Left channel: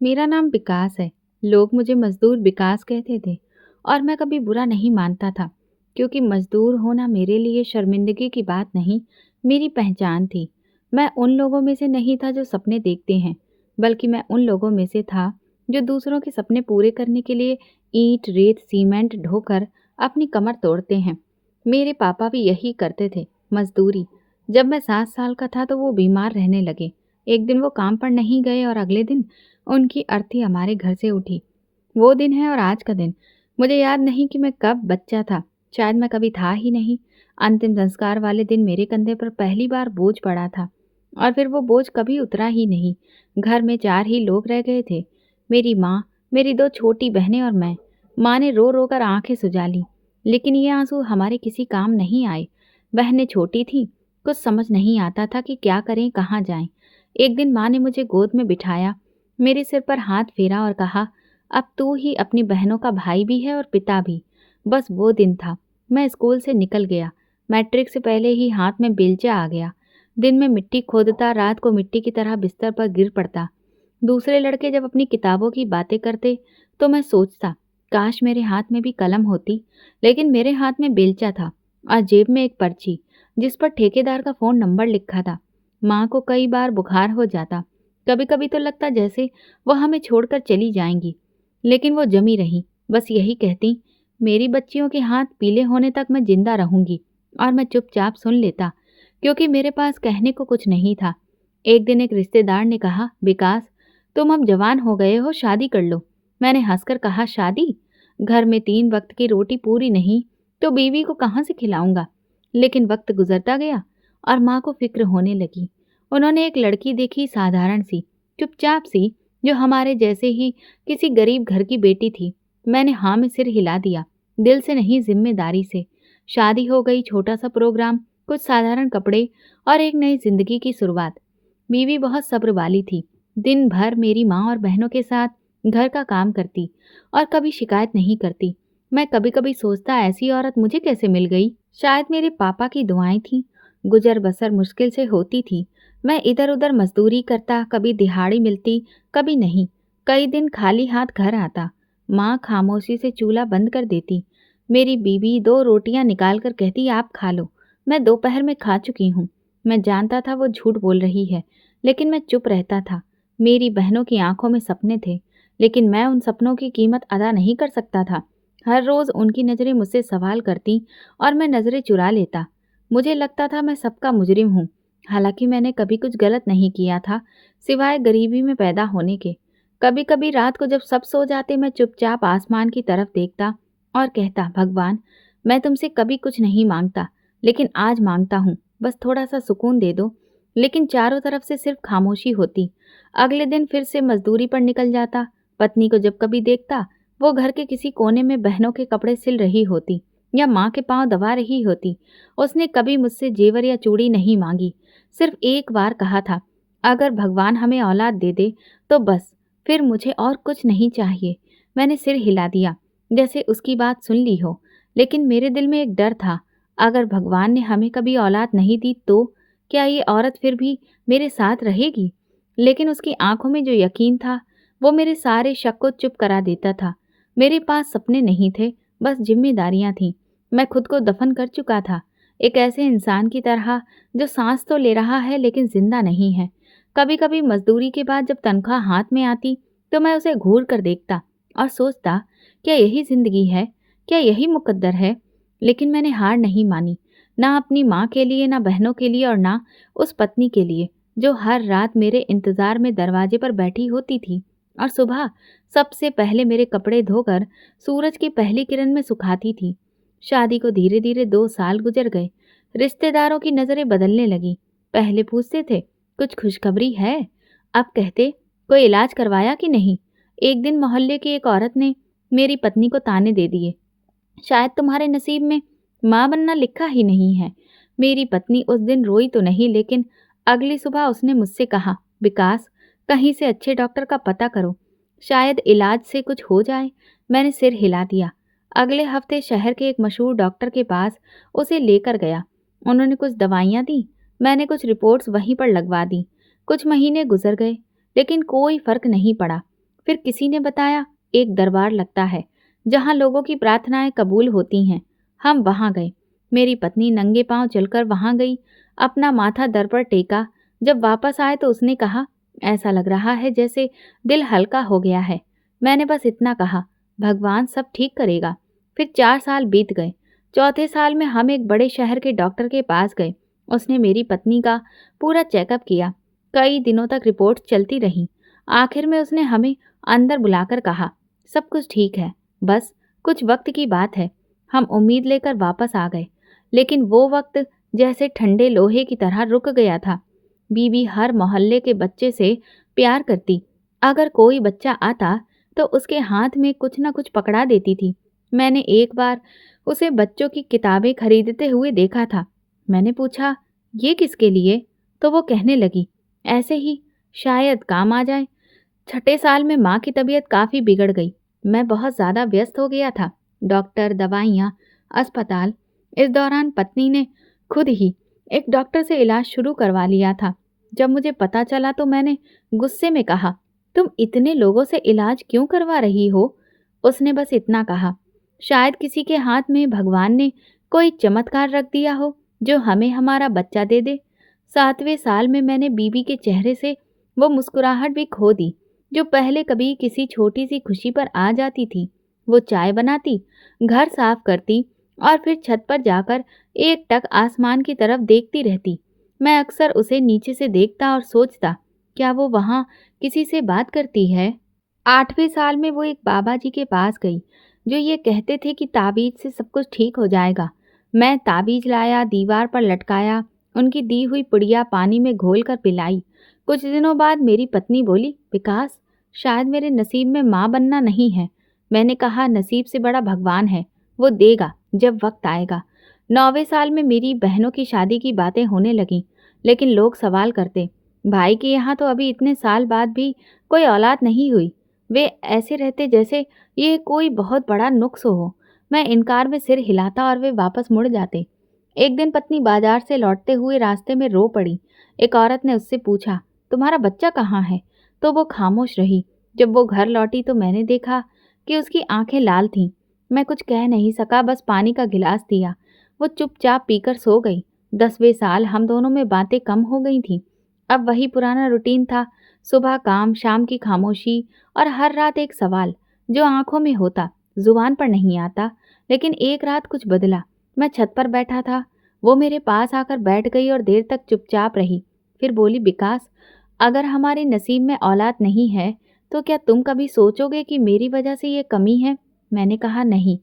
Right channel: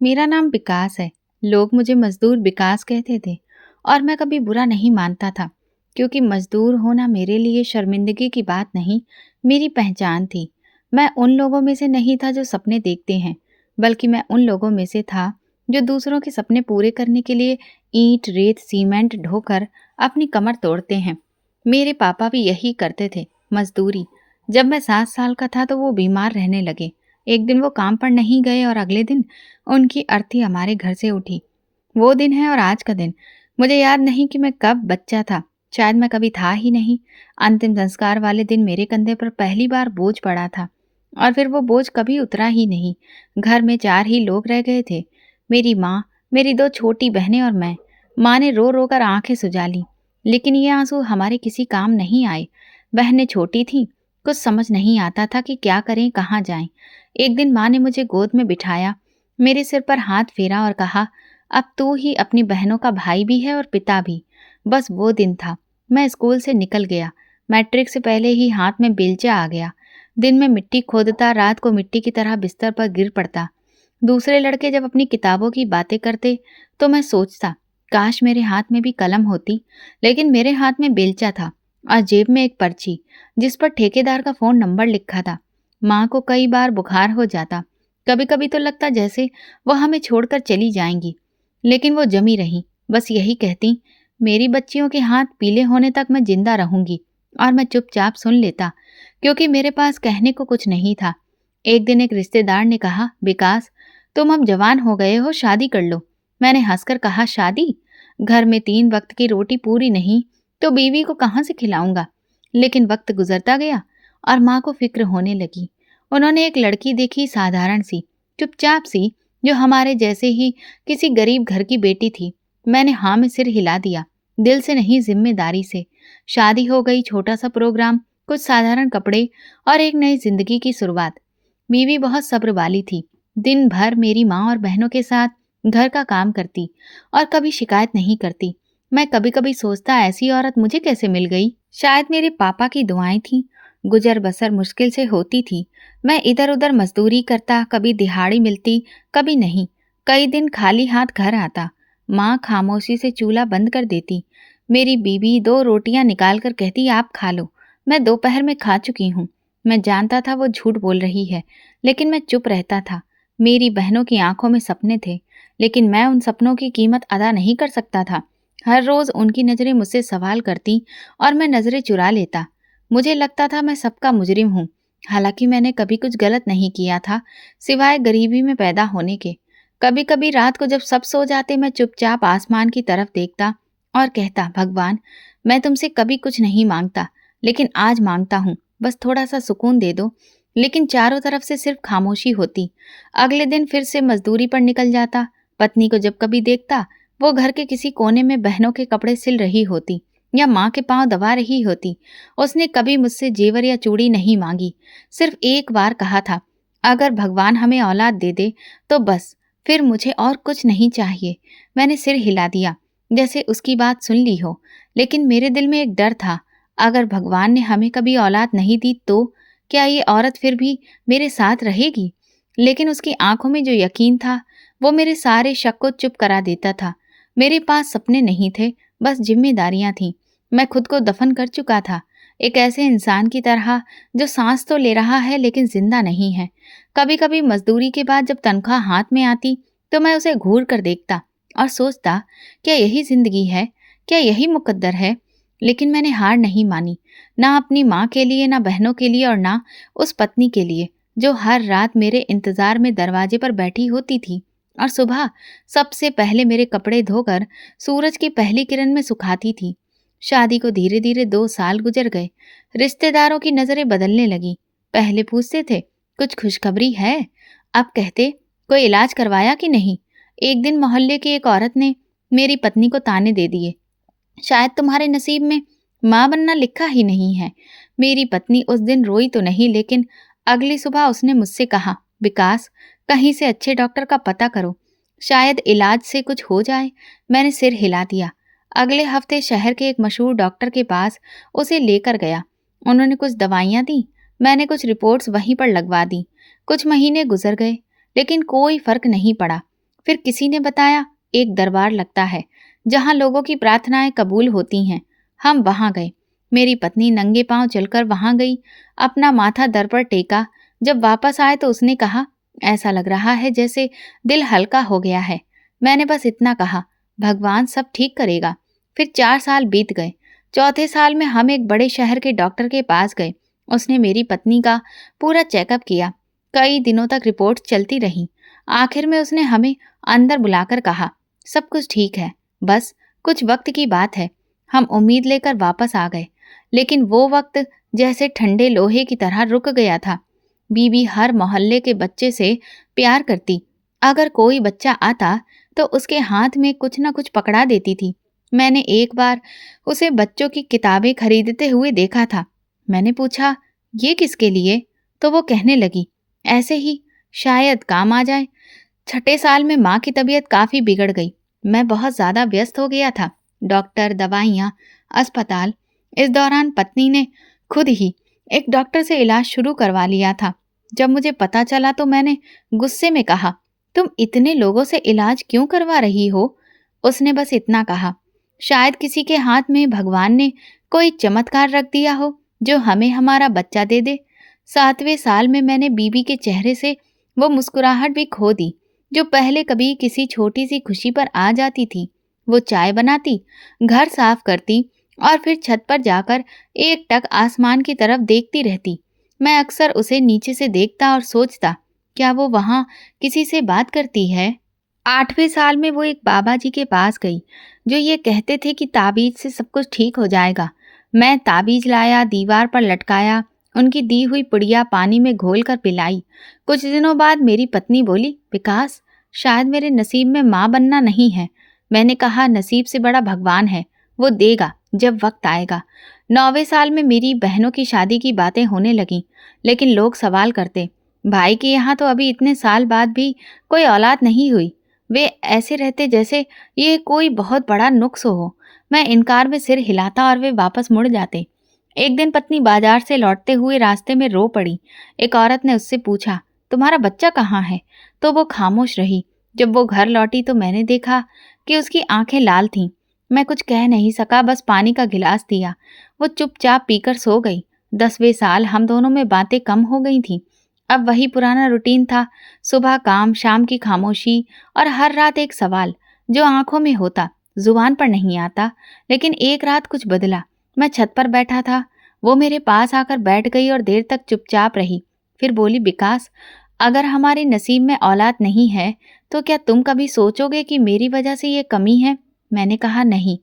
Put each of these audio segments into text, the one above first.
मेरा नाम विकास है। लोग मुझे मजदूर विकास कहते थे और मैं कभी बुरा नहीं मानता था, क्योंकि मजदूर होना मेरे लिए शर्मिंदगी की बात नहीं, मेरी पहचान थी। मैं उन लोगों में से नहीं था जो सपने देखते हैं, बल्कि मैं उन लोगों में से था जो दूसरों के सपने पूरे करने के लिए ईंट, रेत, सीमेंट ढोकर अपनी कमर तोड़ते हैं। मेरे पापा भी यही करते थे, मजदूरी। जब मैं 7 साल का था तो वो बीमार रहने लगे। एक दिन वो काम पर नहीं गए और अगले दिन उनकी अर्थी हमारे घर से उठी। वो दिन है और आज का दिन। मुझे याद नहीं कि मैं कब बच्चा था। शायद मैं कभी था ही नहीं। अंतिम संस्कार वाले दिन मेरे कंधे पर पहली बार बोझ पड़ा था और फिर वो बोझ कभी उतरा ही नहीं। घर में 4 ही लोग रह गए थे। मेरी माँ, मेरी 2 छोटी बहनें और मैं। माँ ने रो रो कर आंखें सुजा ली, लेकिन ये आंसू हमारे किसी काम नहीं आए। बहनें छोटी थीं, कुछ समझ नहीं आता था कि क्या करें, कहाँ जाएं। एक दिन माँ ने मुझे गोद में बिठाया, मेरे सिर पर हाथ फेरा और कहा, अब तू ही अपनी बहनों का भाई भी है और पिता भी। बस वो दिन था। मैं स्कूल से निकल गया। मैट्रिक से पहले ही हाथ में बेलचा आ गया। दिन में मिट्टी खोदता, रात को मिट्टी की तरह बिस्तर पर गिर पड़ता। दूसरे लड़के जब अपनी किताबों की बातें करते तो मैं सोचता, काश मेरे हाथ में भी कलम होती। लेकिन मेरे हाथ में बेलचा था और जेब में एक पर्ची जिस पर ठेकेदार का फ़ोन नंबर लिखा था। माँ को कई बार बुखार हो जाता। कभी कभी तो लगता जैसे वो हमें छोड़कर चली जाएंगी, लेकिन वो जमी रही। बस यही कहती, मेरी बच्चियों के हाथ पीले होने तक मैं जिंदा रहूंगी। और मैं चुपचाप सुन लेता, क्योंकि मेरे पास कहने को कुछ नहीं था। एक दिन एक रिश्तेदार ने कहा, विकास, तुम अब जवान हो गए हो, शादी कर लो। मैंने हंसकर कहा, शादी? घर में 3 वक्त की रोटी पूरी नहीं तो बीवी को कहाँ से खिलाऊंगा। लेकिन वक्त गुजरता गया और माँ को फिक्र होने लगी। उन्होंने एक लड़की देखी, साधारण सी, चुपचाप सी, जो हमारे जैसे ही किसी गरीब घर की बेटी थी। मैंने हाँ में सिर हिला दिया, दिल से नहीं, जिम्मेदारी से। शादी हो गई, छोटा सा प्रोग्राम, कुछ साधारण कपड़े और एक नई जिंदगी की शुरुआत। बीवी बहुत सब्र वाली थी। दिन भर मेरी माँ और बहनों के साथ घर का काम करती और कभी शिकायत नहीं करती। मैं कभी कभी सोचता, ऐसी औरत मुझे कैसे मिल गई। शायद मेरे पापा की दुआएं थीं। गुजर बसर मुश्किल से होती थी। मैं इधर उधर मजदूरी करता, कभी दिहाड़ी मिलती, कभी नहीं। कई दिन खाली हाथ घर आता। माँ खामोशी से चूल्हा बंद कर देती। मेरी बीवी 2 रोटियां निकाल कर कहती, आप खा लो, मैं दोपहर में खा चुकी हूँ। मैं जानता था वो झूठ बोल रही है, लेकिन मैं चुप रहता था। मेरी बहनों की आंखों में सपने थे, लेकिन मैं उन सपनों की कीमत अदा नहीं कर सकता था। हर रोज उनकी नज़रें मुझसे सवाल करती और मैं नज़रें चुरा लेता। मुझे लगता था मैं सबका मुजरिम हूँ, हालांकि मैंने कभी कुछ गलत नहीं किया था, सिवाय गरीबी में पैदा होने के। कभी कभी रात को जब सब सो जाते, मैं चुपचाप आसमान की तरफ देखता और कहता, भगवान, मैं तुमसे कभी कुछ नहीं मांगता, लेकिन आज मांगता हूँ, बस थोड़ा सा सुकून दे दो। लेकिन चारों तरफ से सिर्फ खामोशी होती। अगले दिन फिर से मजदूरी पर निकल जाता। पत्नी को जब कभी देखता, वो घर के किसी कोने में बहनों के कपड़े सिल रही होती या माँ के पांव दबा रही होती। उसने कभी मुझसे जेवर या चूड़ी नहीं मांगी, सिर्फ एक बार कहा था, अगर भगवान हमें औलाद दे दे तो बस, फिर मुझे और कुछ नहीं चाहिए। मैंने सिर हिला दिया, जैसे उसकी बात सुन ली हो। लेकिन मेरे दिल में एक डर था, अगर भगवान ने हमें कभी औलाद नहीं दी तो क्या ये औरत फिर भी मेरे साथ रहेगी? लेकिन उसकी आंखों में जो यकीन था, वो मेरे सारे शक को चुप करा देता था। मेरे पास सपने नहीं थे, बस जिम्मेदारियां थीं। मैं खुद को दफन कर चुका था, एक ऐसे इंसान की तरह जो सांस तो ले रहा है लेकिन जिंदा नहीं है। कभी कभी मजदूरी के बाद जब तनख्वाह हाथ में आती तो मैं उसे घूर कर देखता और सोचता, क्या यही जिंदगी है, क्या यही मुकद्दर है। लेकिन मैंने हार नहीं मानी, ना अपनी माँ के लिए, ना बहनों के लिए और ना उस पत्नी के लिए जो हर रात मेरे इंतजार में दरवाजे पर बैठी होती थी और सुबह सबसे पहले मेरे कपड़े धोकर सूरज की पहली किरण में सुखाती थी। शादी को धीरे धीरे 2 साल गुजर गए। रिश्तेदारों की नजरें बदलने लगी। पहले पूछते थे, कुछ खुशखबरी है? अब कहते, कोई इलाज करवाया कि नहीं? एक दिन मोहल्ले की एक औरत ने मेरी पत्नी को ताने दे दिए, शायद तुम्हारे नसीब में माँ बनना लिखा ही नहीं है। मेरी पत्नी उस दिन रोई तो नहीं, लेकिन अगली सुबह उसने मुझसे कहा, विकास, कहीं से अच्छे डॉक्टर का पता करो, शायद इलाज से कुछ हो जाए। मैंने सिर हिला दिया। अगले हफ्ते शहर के एक मशहूर डॉक्टर के पास उसे लेकर गया। उन्होंने कुछ दवाइयाँ दी, मैंने कुछ रिपोर्ट्स वहीं पर लगवा दी। कुछ महीने गुजर गए, लेकिन कोई फर्क नहीं पड़ा। फिर किसी ने बताया एक दरबार लगता है जहाँ लोगों की प्रार्थनाएं कबूल होती हैं। हम वहाँ गए। मेरी पत्नी नंगे पांव चलकर वहाँ गई, अपना माथा दर पर टेका। जब वापस आए तो उसने कहा, ऐसा लग रहा है जैसे दिल हल्का हो गया है। मैंने बस इतना कहा, भगवान सब ठीक करेगा। फिर 4 साल बीत गए। चौथे साल में हम एक बड़े शहर के डॉक्टर के पास गए। उसने मेरी पत्नी का पूरा चेकअप किया। कई दिनों तक रिपोर्ट चलती रही। आखिर में उसने हमें अंदर बुलाकर कहा, सब कुछ ठीक है, बस कुछ वक्त की बात है। हम उम्मीद लेकर वापस आ गए, लेकिन वो वक्त जैसे ठंडे लोहे की तरह रुक गया था। बीबी हर मोहल्ले के बच्चे से प्यार करती। अगर कोई बच्चा आता तो उसके हाथ में कुछ न कुछ पकड़ा देती थी। मैंने एक बार उसे बच्चों की किताबें खरीदते हुए देखा था। मैंने पूछा, ये किसके लिए? तो वो कहने लगी, ऐसे ही, शायद काम आ जाए। छठे साल में माँ की तबीयत काफ़ी बिगड़ गई। मैं बहुत ज़्यादा व्यस्त हो गया था। डॉक्टर, दवाइयाँ, अस्पताल। इस दौरान पत्नी ने खुद ही एक डॉक्टर से इलाज शुरू करवा लिया था। जब मुझे पता चला तो मैंने गुस्से में कहा, तुम इतने लोगों से इलाज क्यों करवा रही हो? उसने बस इतना कहा, शायद किसी के हाथ में भगवान ने कोई चमत्कार रख दिया हो जो हमें हमारा बच्चा दे दे। 7वें साल में मैंने बीबी के चेहरे से वो मुस्कुराहट भी खो दी जो पहले कभी किसी छोटी सी खुशी पर आ जाती थी। वो चाय बनाती, घर साफ करती और फिर छत पर जाकर एक टक आसमान की तरफ देखती रहती। मैं अक्सर उसे नीचे से देखता और सोचता, क्या वो वहाँ किसी से बात करती है? 8वें साल में वो एक बाबा जी के पास गई जो ये कहते थे कि ताबीज से सब कुछ ठीक हो जाएगा। मैं ताबीज लाया, दीवार पर लटकाया, उनकी दी हुई पुड़िया पानी में घोल कर पिलाई। कुछ दिनों बाद मेरी पत्नी बोली, विकास, शायद मेरे नसीब में माँ बनना नहीं है। मैंने कहा, नसीब से बड़ा भगवान है, वो देगा जब वक्त आएगा। 9वें साल में मेरी बहनों की शादी की बातें होने लगीं, लेकिन लोग सवाल करते, भाई के यहाँ तो अभी इतने साल बाद भी कोई औलाद नहीं हुई। वे ऐसे रहते जैसे ये कोई बहुत बड़ा नुक्स हो। मैं इनकार में सिर हिलाता और वे वापस मुड़ जाते। एक दिन पत्नी बाजार से लौटते हुए रास्ते में रो पड़ी। एक औरत ने उससे पूछा, तुम्हारा बच्चा कहाँ है? तो वो खामोश रही। जब वो घर लौटी तो मैंने देखा कि उसकी आंखें लाल थीं। मैं कुछ कह नहीं सका, बस पानी का गिलास दिया। वो चुपचाप पीकर सो गई। 10वें साल हम दोनों में बातें कम हो गई थीं। अब वही पुराना रूटीन था, सुबह काम, शाम की खामोशी और हर रात एक सवाल जो आंखों में होता, जुबान पर नहीं आता। लेकिन एक रात कुछ बदला। मैं छत पर बैठा था, वो मेरे पास आकर बैठ गई और देर तक चुपचाप रही। फिर बोली, विकास, अगर हमारे नसीब में औलाद नहीं है तो क्या तुम कभी सोचोगे कि मेरी वजह से ये कमी है? मैंने कहा, नहीं,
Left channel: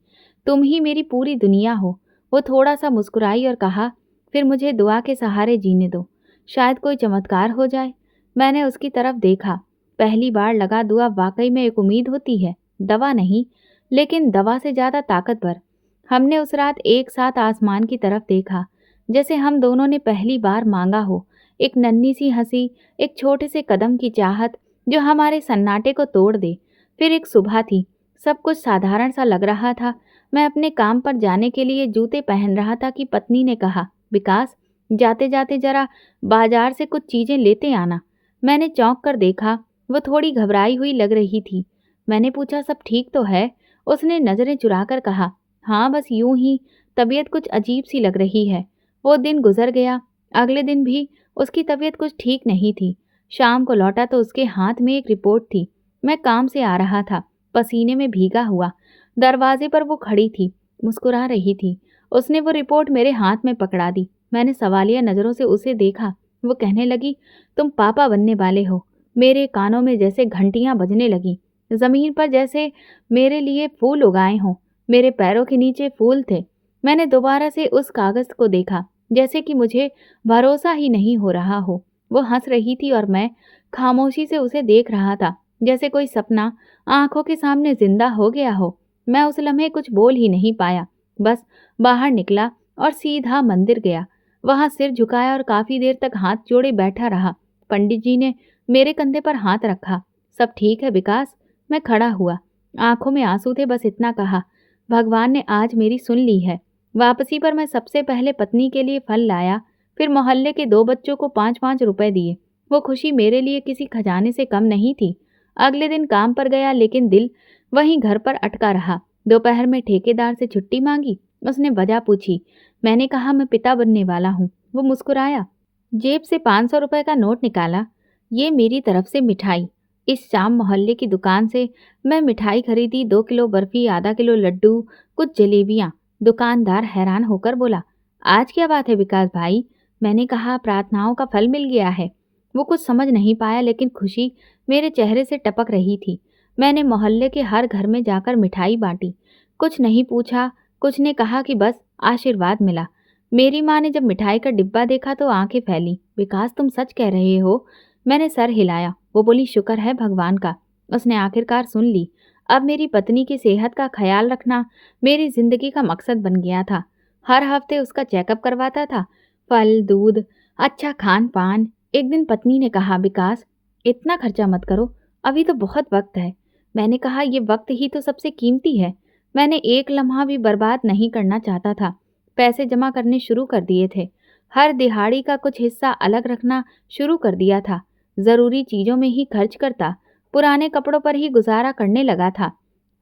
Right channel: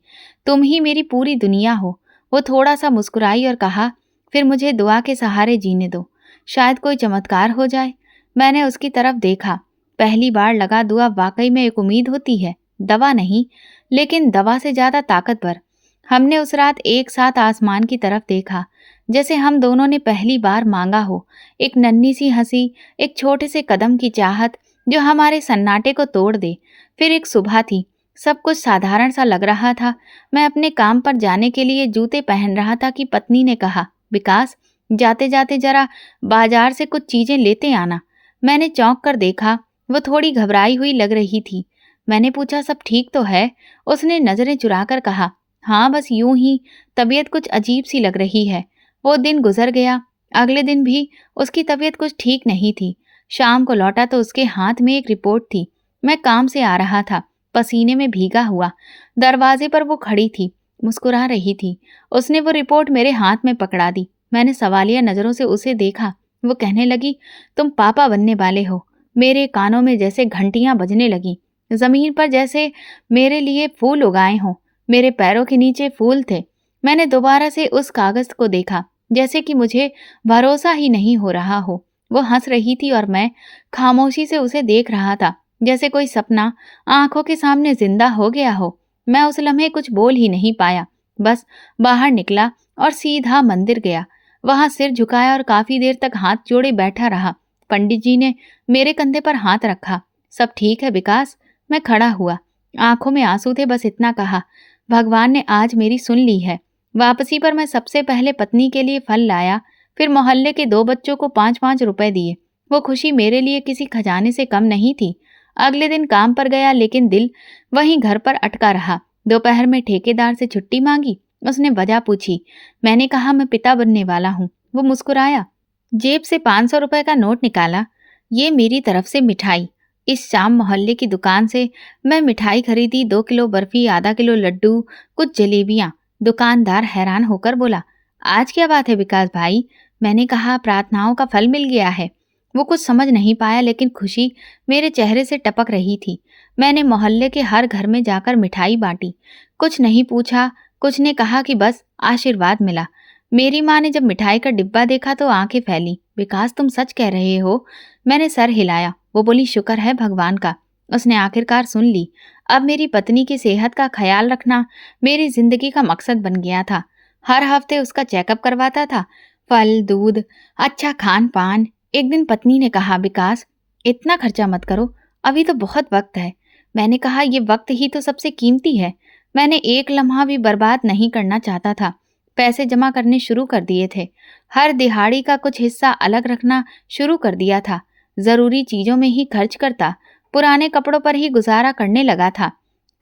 तुम ही मेरी पूरी दुनिया हो। वो थोड़ा सा मुस्कुराई और कहा, फिर मुझे दुआ के सहारे जीने दो, शायद कोई चमत्कार हो जाए। मैंने उसकी तरफ देखा। पहली बार लगा दुआ वाकई में एक उम्मीद होती है, दवा नहीं, लेकिन दवा से ज़्यादा ताकतवर। हमने उस रात एक साथ आसमान की तरफ देखा, जैसे हम दोनों ने पहली बार मांगा हो। एक नन्ही सी हंसी, एक छोटे से कदम की चाहत जो हमारे सन्नाटे को तोड़ दे। फिर एक सुबह थी, सब कुछ साधारण सा लग रहा था। मैं अपने काम पर जाने के लिए जूते पहन रहा था कि पत्नी ने कहा, विकास, जाते जाते जरा बाजार से कुछ चीज़ें लेते आना। मैंने चौंक कर देखा, वो थोड़ी घबराई हुई लग रही थी। मैंने पूछा, सब ठीक तो है? उसने नज़रें चुराकर कहा, हाँ, बस यूं ही तबीयत कुछ अजीब सी लग रही है। वो दिन गुजर गया। अगले दिन भी उसकी तबीयत कुछ ठीक नहीं थी। शाम को लौटा तो उसके हाथ में एक रिपोर्ट थी। मैं काम से आ रहा था, पसीने में भीगा हुआ। दरवाजे पर वो खड़ी थी, मुस्कुरा रही थी। उसने वो रिपोर्ट मेरे हाथ में पकड़ा दी। मैंने सवालिया नज़रों से उसे देखा। वो कहने लगी, तुम पापा बनने वाले हो। मेरे कानों में जैसे घंटियां बजने लगी। ज़मीन पर जैसे मेरे लिए फूल उगाए हों। मेरे पैरों के नीचे फूल थे। मैंने दोबारा से उस कागज़ को देखा, जैसे कि मुझे भरोसा ही नहीं हो रहा हो। वो हंस रही थी और मैं खामोशी से उसे देख रहा था, जैसे कोई सपना आंखों के सामने जिंदा हो गया हो। मैं उस लम्हे कुछ बोल ही नहीं पाया, बस बाहर निकला और सीधा मंदिर गया। वहां सिर झुकाया और काफ़ी देर तक हाथ जोड़े बैठा रहा। पंडित जी ने मेरे कंधे पर हाथ रखा। सब ठीक है विकास? मैं खड़ा हुआ, आंखों में आंसू थे, बस इतना कहा, भगवान ने आज मेरी सुन ली है। वापसी पर मैं सबसे पहले पत्नी के लिए फल लाया, फिर मोहल्ले के 2 बच्चों को 5-5 रुपए दिए। वो खुशी मेरे लिए किसी खजाने से कम नहीं थी। अगले दिन काम पर गया लेकिन दिल वहीं घर पर अटका रहा। दोपहर में ठेकेदार से छुट्टी मांगी। उसने वजह पूछी। मैंने कहा मैं पिता बनने वाला हूँ। वो मुस्कुराया, जेब से 500 रुपए का नोट निकाला। ये मेरी तरफ से मिठाई। इस शाम मोहल्ले की दुकान से मैं मिठाई खरीदी, 2 किलो बर्फी, आधा किलो लड्डू, कुछ जलेबियां। दुकानदार हैरान होकर बोला, आज क्या बात है विकास भाई? मैंने कहा, प्रार्थनाओं का फल मिल गया है। वो कुछ समझ नहीं पाया लेकिन खुशी मेरे चेहरे से टपक रही थी। मैंने मोहल्ले के हर घर में जाकर मिठाई बांटी। कुछ नहीं पूछा, कुछ ने कहा कि बस आशीर्वाद मिला। मेरी माँ ने जब मिठाई का डिब्बा देखा तो आंखें फैली। विकास, तुम सच कह रहे हो? मैंने सर हिलाया। वो बोली, शुक्र है भगवान का, उसने आखिरकार सुन ली। अब मेरी पत्नी की सेहत का ख्याल रखना मेरी जिंदगी का मकसद बन गया था। हर हफ्ते उसका चेकअप करवाता था। फल, दूध, अच्छा खान पान। एक दिन पत्नी ने कहा, विकास इतना खर्चा मत करो, अभी तो बहुत वक्त है। मैंने कहा, ये वक्त ही तो सबसे कीमती है। मैंने एक लम्हा भी बर्बाद नहीं करना चाहता था। पैसे जमा करने शुरू कर दिए थे। हर दिहाड़ी का कुछ हिस्सा अलग रखना शुरू कर दिया था। जरूरी चीजों में ही खर्च करता। पुराने कपड़ों पर ही गुजारा करने लगा था।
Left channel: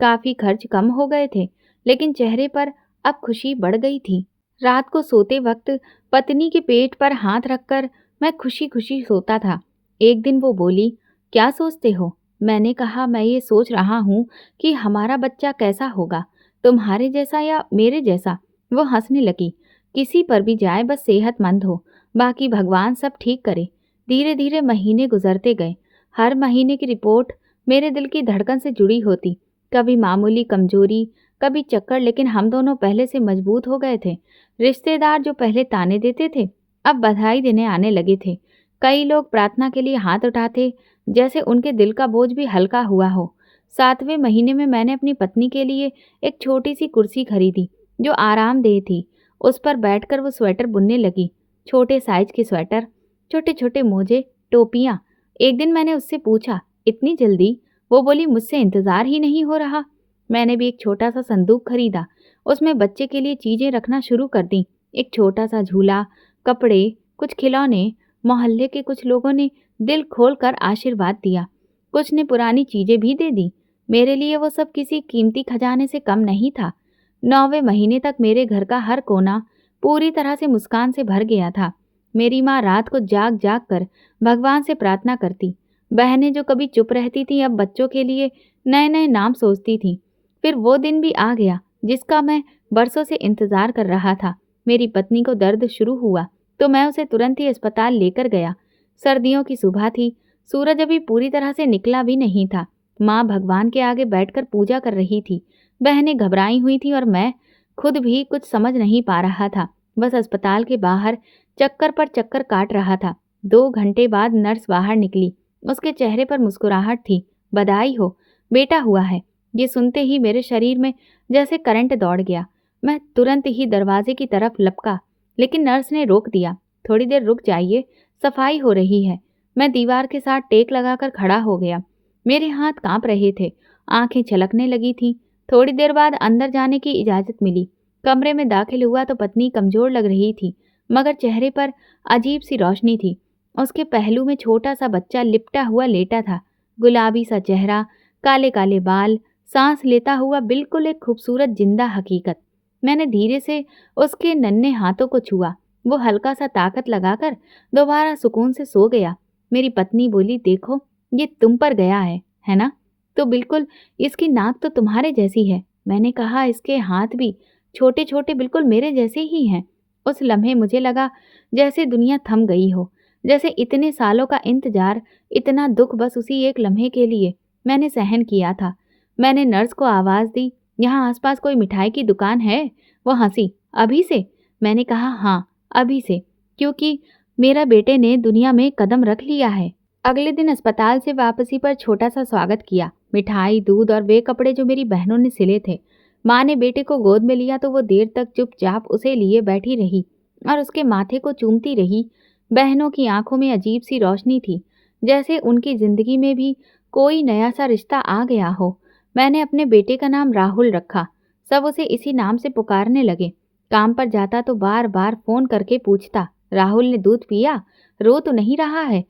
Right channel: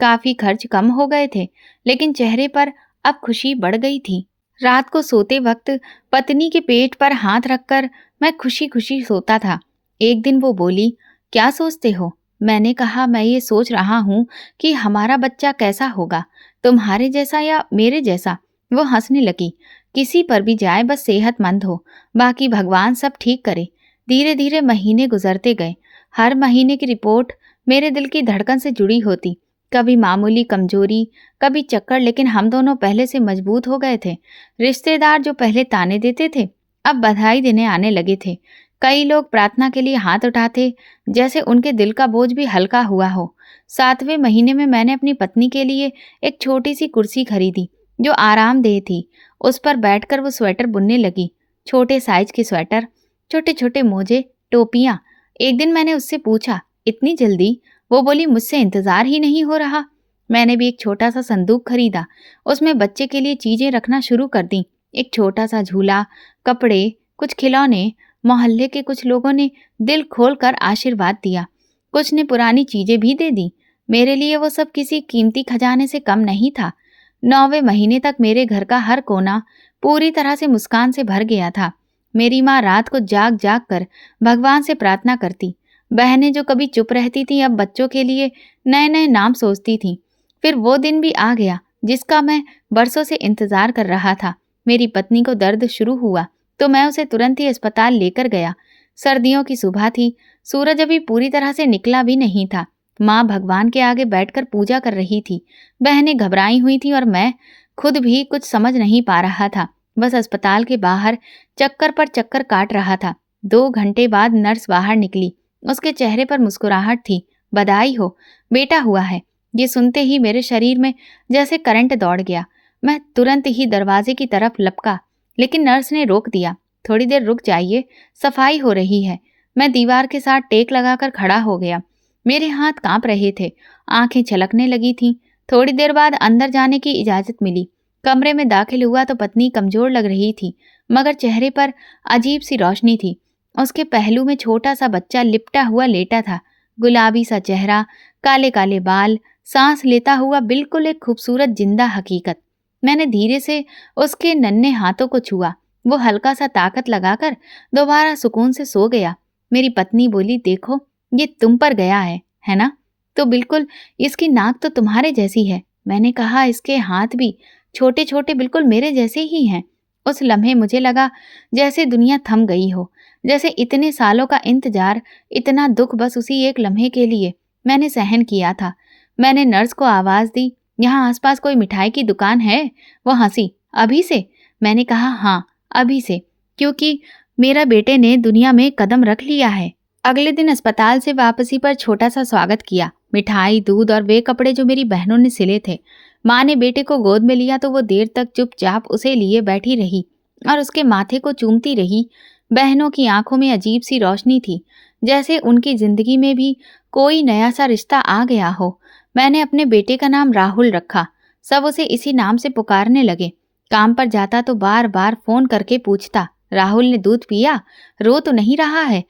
काफी खर्च कम हो गए थे लेकिन चेहरे पर अब खुशी बढ़ गई थी। रात को सोते वक्त पत्नी के पेट पर हाथ रखकर मैं खुशी खुशी सोता था। एक दिन वो बोली, क्या सोचते हो? मैंने कहा, मैं ये सोच रहा हूँ कि हमारा बच्चा कैसा होगा, तुम्हारे जैसा या मेरे जैसा। वो हंसने लगी। किसी पर भी जाए बस सेहतमंद हो, बाकी भगवान सब ठीक करे। धीरे धीरे महीने गुजरते गए। हर महीने की रिपोर्ट मेरे दिल की धड़कन से जुड़ी होती। कभी मामूली कमजोरी, कभी चक्कर, लेकिन हम दोनों पहले से मजबूत हो गए थे। रिश्तेदार जो पहले ताने देते थे अब बधाई देने आने लगे थे। कई लोग प्रार्थना के लिए हाथ उठाते, जैसे उनके दिल का बोझ भी हल्का हुआ हो। 7वें महीने में मैंने अपनी पत्नी के लिए एक छोटी सी कुर्सी खरीदी जो आरामदेह थी। उस पर बैठकर वो स्वेटर बुनने लगी। छोटे साइज के स्वेटर, छोटे छोटे मोजे, टोपियां। एक दिन मैंने उससे पूछा, इतनी जल्दी? वो बोली, मुझसे इंतजार ही नहीं हो रहा। मैंने भी एक छोटा सा संदूक खरीदा। उसमें बच्चे के लिए चीजें रखना शुरू कर दी। एक छोटा सा झूला, कपड़े, कुछ खिलौने। मोहल्ले के कुछ लोगों ने दिल खोलकर आशीर्वाद दिया। कुछ ने पुरानी चीजें भी दे दी। मेरे लिए वो सब किसी कीमती खजाने से कम नहीं था। 9वें महीने तक मेरे घर का हर कोना पूरी तरह से मुस्कान से भर गया था। मेरी माँ रात को जाग जाग कर भगवान से प्रार्थना करती। बहनें जो कभी चुप रहती थीं अब बच्चों के लिए नए नए नाम सोचती थीं। फिर वो दिन भी आ गया जिसका मैं बरसों से इंतजार कर रहा था। मेरी पत्नी को दर्द शुरू हुआ तो मैं उसे तुरंत ही अस्पताल लेकर गया। सर्दियों की सुबह थी। सूरज अभी पूरी तरह से निकला भी नहीं था। माँ भगवान के आगे बैठकर पूजा कर रही थी। बहनें घबराई हुई थी और मैं खुद भी कुछ समझ नहीं पा रहा था। बस अस्पताल के बाहर चक्कर पर चक्कर काट रहा था। 2 घंटे बाद नर्स बाहर निकली। उसके चेहरे पर मुस्कुराहट थी। बधाई हो, बेटा हुआ है। ये सुनते ही मेरे शरीर में जैसे करंट दौड़ गया। मैं तुरंत ही दरवाजे की तरफ लपका लेकिन नर्स ने रोक दिया। थोड़ी देर रुक जाइए, सफाई हो रही है। मैं दीवार के साथ टेक लगाकर खड़ा हो गया। मेरे हाथ कांप रहे थे, आंखें छलकने लगी थीं। थोड़ी देर बाद अंदर जाने की इजाजत मिली। कमरे में दाखिल हुआ तो पत्नी कमजोर लग रही थी मगर चेहरे पर अजीब सी रोशनी थी। उसके पहलू में छोटा सा बच्चा लिपटा हुआ लेटा था। गुलाबी सा चेहरा, काले काले बाल, सांस लेता हुआ बिल्कुल एक खूबसूरत जिंदा हकीकत। मैंने धीरे से उसके नन्हे हाथों को छुआ। वो हल्का सा ताकत लगाकर दोबारा सुकून से सो गया। मेरी पत्नी बोली, देखो ये तुम पर गया है ना? तो बिल्कुल इसकी नाक तो तुम्हारे जैसी है। मैंने कहा, इसके हाथ भी छोटे छोटे बिल्कुल मेरे जैसे ही हैं। उस लम्हे मुझे लगा जैसे दुनिया थम गई हो, जैसे इतने सालों का इंतजार, इतना दुख बस उसी एक लम्हे के लिए मैंने सहन किया था। मैंने नर्स को आवाज दी, यहाँ आसपास कोई मिठाई की दुकान है? वो हंसी, अभी से? मैंने कहा, हाँ अभी से, क्योंकि मेरा बेटे ने दुनिया में कदम रख लिया है। अगले दिन अस्पताल से वापसी पर छोटा सा स्वागत किया। मिठाई, दूध और वे कपड़े जो मेरी बहनों ने सिले थे। माँ ने बेटे को गोद में लिया तो वो देर तक चुपचाप उसे लिए बैठी रही और उसके माथे को चूमती रही। बहनों की आंखों में अजीब सी रोशनी थी, जैसे उनकी जिंदगी में भी कोई नया सा रिश्ता आ गया हो। मैंने अपने बेटे का नाम राहुल रखा। सब उसे इसी नाम से पुकारने लगे। काम पर जाता तो बार बार फोन करके पूछता, राहुल ने दूध पिया? रो तो नहीं रहा है?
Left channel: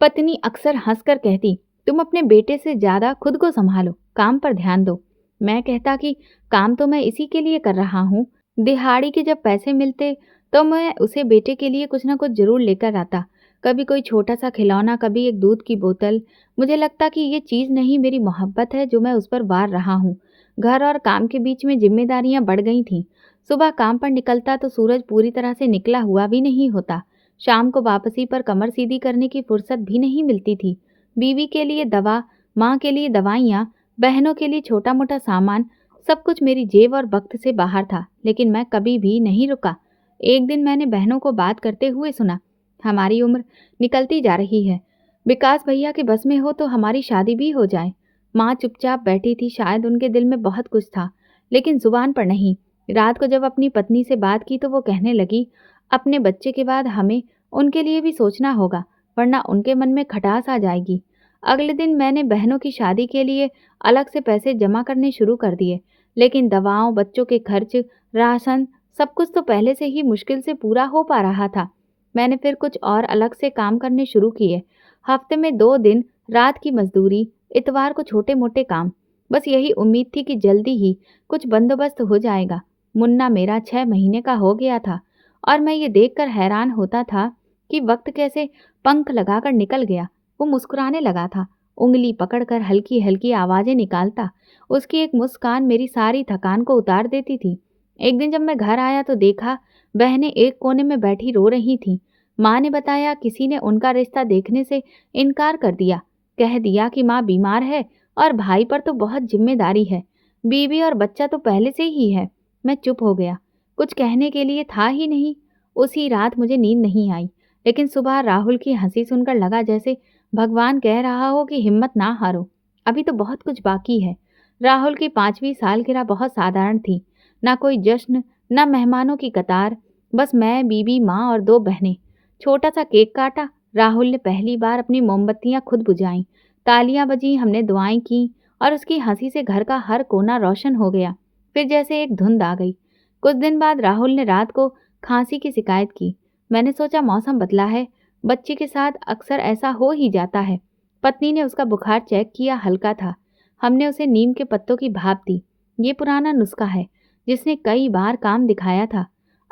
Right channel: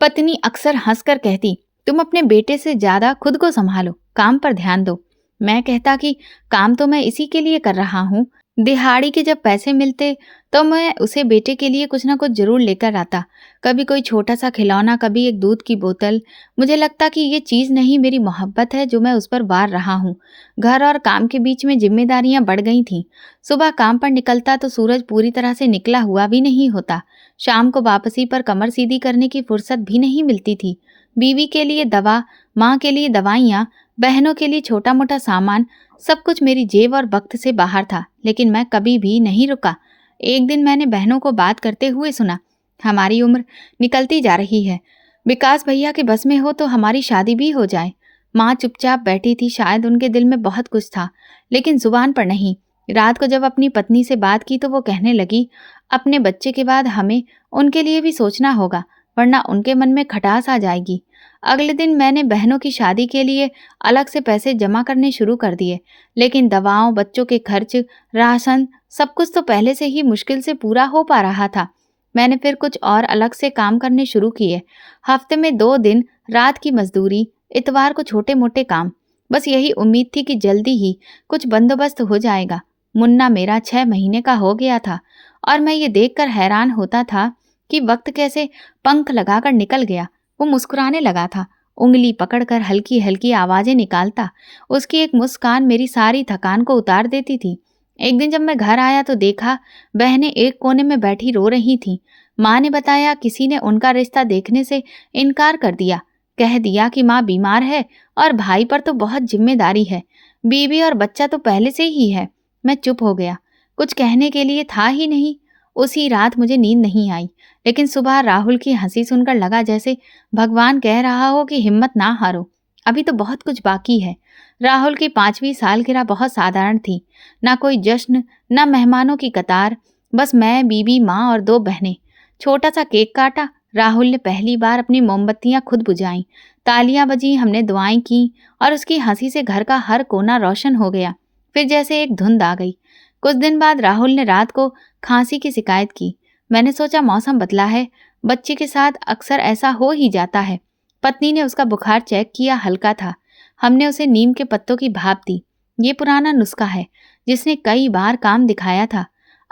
पत्नी अक्सर हंसकर कहती, तुम अपने बेटे से ज़्यादा खुद को संभालो, काम पर ध्यान दो। मैं कहता कि काम तो मैं इसी के लिए कर रहा हूँ। दिहाड़ी के जब पैसे मिलते तो मैं उसे बेटे के लिए कुछ ना कुछ ज़रूर लेकर आता। कभी कोई छोटा-सा खिलौना, कभी एक दूध की बोतल। मुझे लगता कि ये चीज़ नहीं, मेरी मोहब्बत है जो मैं उस पर वार रहा हूँ। घर और काम के बीच में ज़िम्मेदारियाँ बढ़ गई थीं। सुबह काम पर निकलता तो सूरज पूरी तरह से निकला हुआ भी नहीं होता। शाम को वापसी पर कमर सीधी करने की फुर्सत भी नहीं मिलती थी। बीवी के लिए दवा, माँ के लिए दवाइयाँ, बहनों के लिए छोटा-मोटा सामान, सब कुछ मेरी जेब और वक्त से बाहर था, लेकिन मैं कभी भी नहीं रुका। एक दिन मैंने बहनों को बात करते हुए सुना, हमारी उम्र निकलती जा रही है। विकास भैया के बस में हो तो हमारी शादी भी हो जाए। माँ चुपचाप बैठी थी, शायद उनके दिल में बहुत कुछ था, लेकिन जुबान पर नहीं। रात को जब अपनी पत्नी से बात की तो वो कहने लगी, अपने बच्चे के बाद हमें उनके लिए भी सोचना होगा, वरना उनके मन में खटास आ जाएगी। अगले दिन मैंने बहनों की शादी के लिए अलग से पैसे जमा करने शुरू कर दिए, लेकिन दवाओं, बच्चों के खर्च, राशन, सब कुछ तो पहले से ही मुश्किल से पूरा हो पा रहा था। मैंने फिर कुछ और अलग से काम करने शुरू किए। हफ्ते में 2 दिन रात की मजदूरी, इतवार को छोटे-मोटे काम। बस यही उम्मीद थी कि जल्दी ही कुछ बंदोबस्त हो जाएगा। मुन्ना मेरा 6 महीने का हो गया था और मैं ये देखकर हैरान होता था कि वक्त कैसे पंख लगाकर निकल गया। वो मुस्कुराने लगा था, उंगली पकड़कर हल्की-हल्की आवाज़ें निकालता। उसकी एक मुस्कान मेरी सारी थकान को उतार देती थी। एक दिन जब मैं घर आया तो देखा बहनें एक कोने में बैठी रो रही थीं। माँ ने बताया किसी ने उनका रिश्ता देखने से इनकार कर दिया। कह दिया कि माँ बीमार है और भाई पर तो बहुत जिम्मेदारी है। बीवी और बच्चा तो पहले से ही है। मैं चुप हो गया। कुछ कहने के लिए था ही नहीं। उसी रात मुझे नींद नहीं आई, लेकिन सुबह राहुल की हंसी सुनकर लगा जैसे भगवान कह रहा हो कि हिम्मत ना हारो, अभी तो बहुत कुछ बाकी है। राहुल की 5वीं सालगिरह बहुत साधारण थी। ना कोई जश्न, ना मेहमानों की कतार, बस मैं, बीवी, माँ और 2 बहनें। छोटा सा केक काटा। राहुल ने पहली बार अपनी मोमबत्तियां खुद बुझाईं। तालियां बजीं, हमने दुआएं की और उसकी हंसी से घर का हर कोना रोशन हो गया। फिर जैसे एक धुंध आ गई। कुछ दिन बाद राहुल ने रात को खांसी की शिकायत की। मैंने सोचा मौसम बदला है, बच्चे के साथ अक्सर ऐसा हो ही जाता है। पत्नी ने उसका बुखार चेक किया, हल्का था। हमने उसे नीम के पत्तों की भाप दी। ये पुराना नुस्खा है जिसने कई बार काम दिखाया था।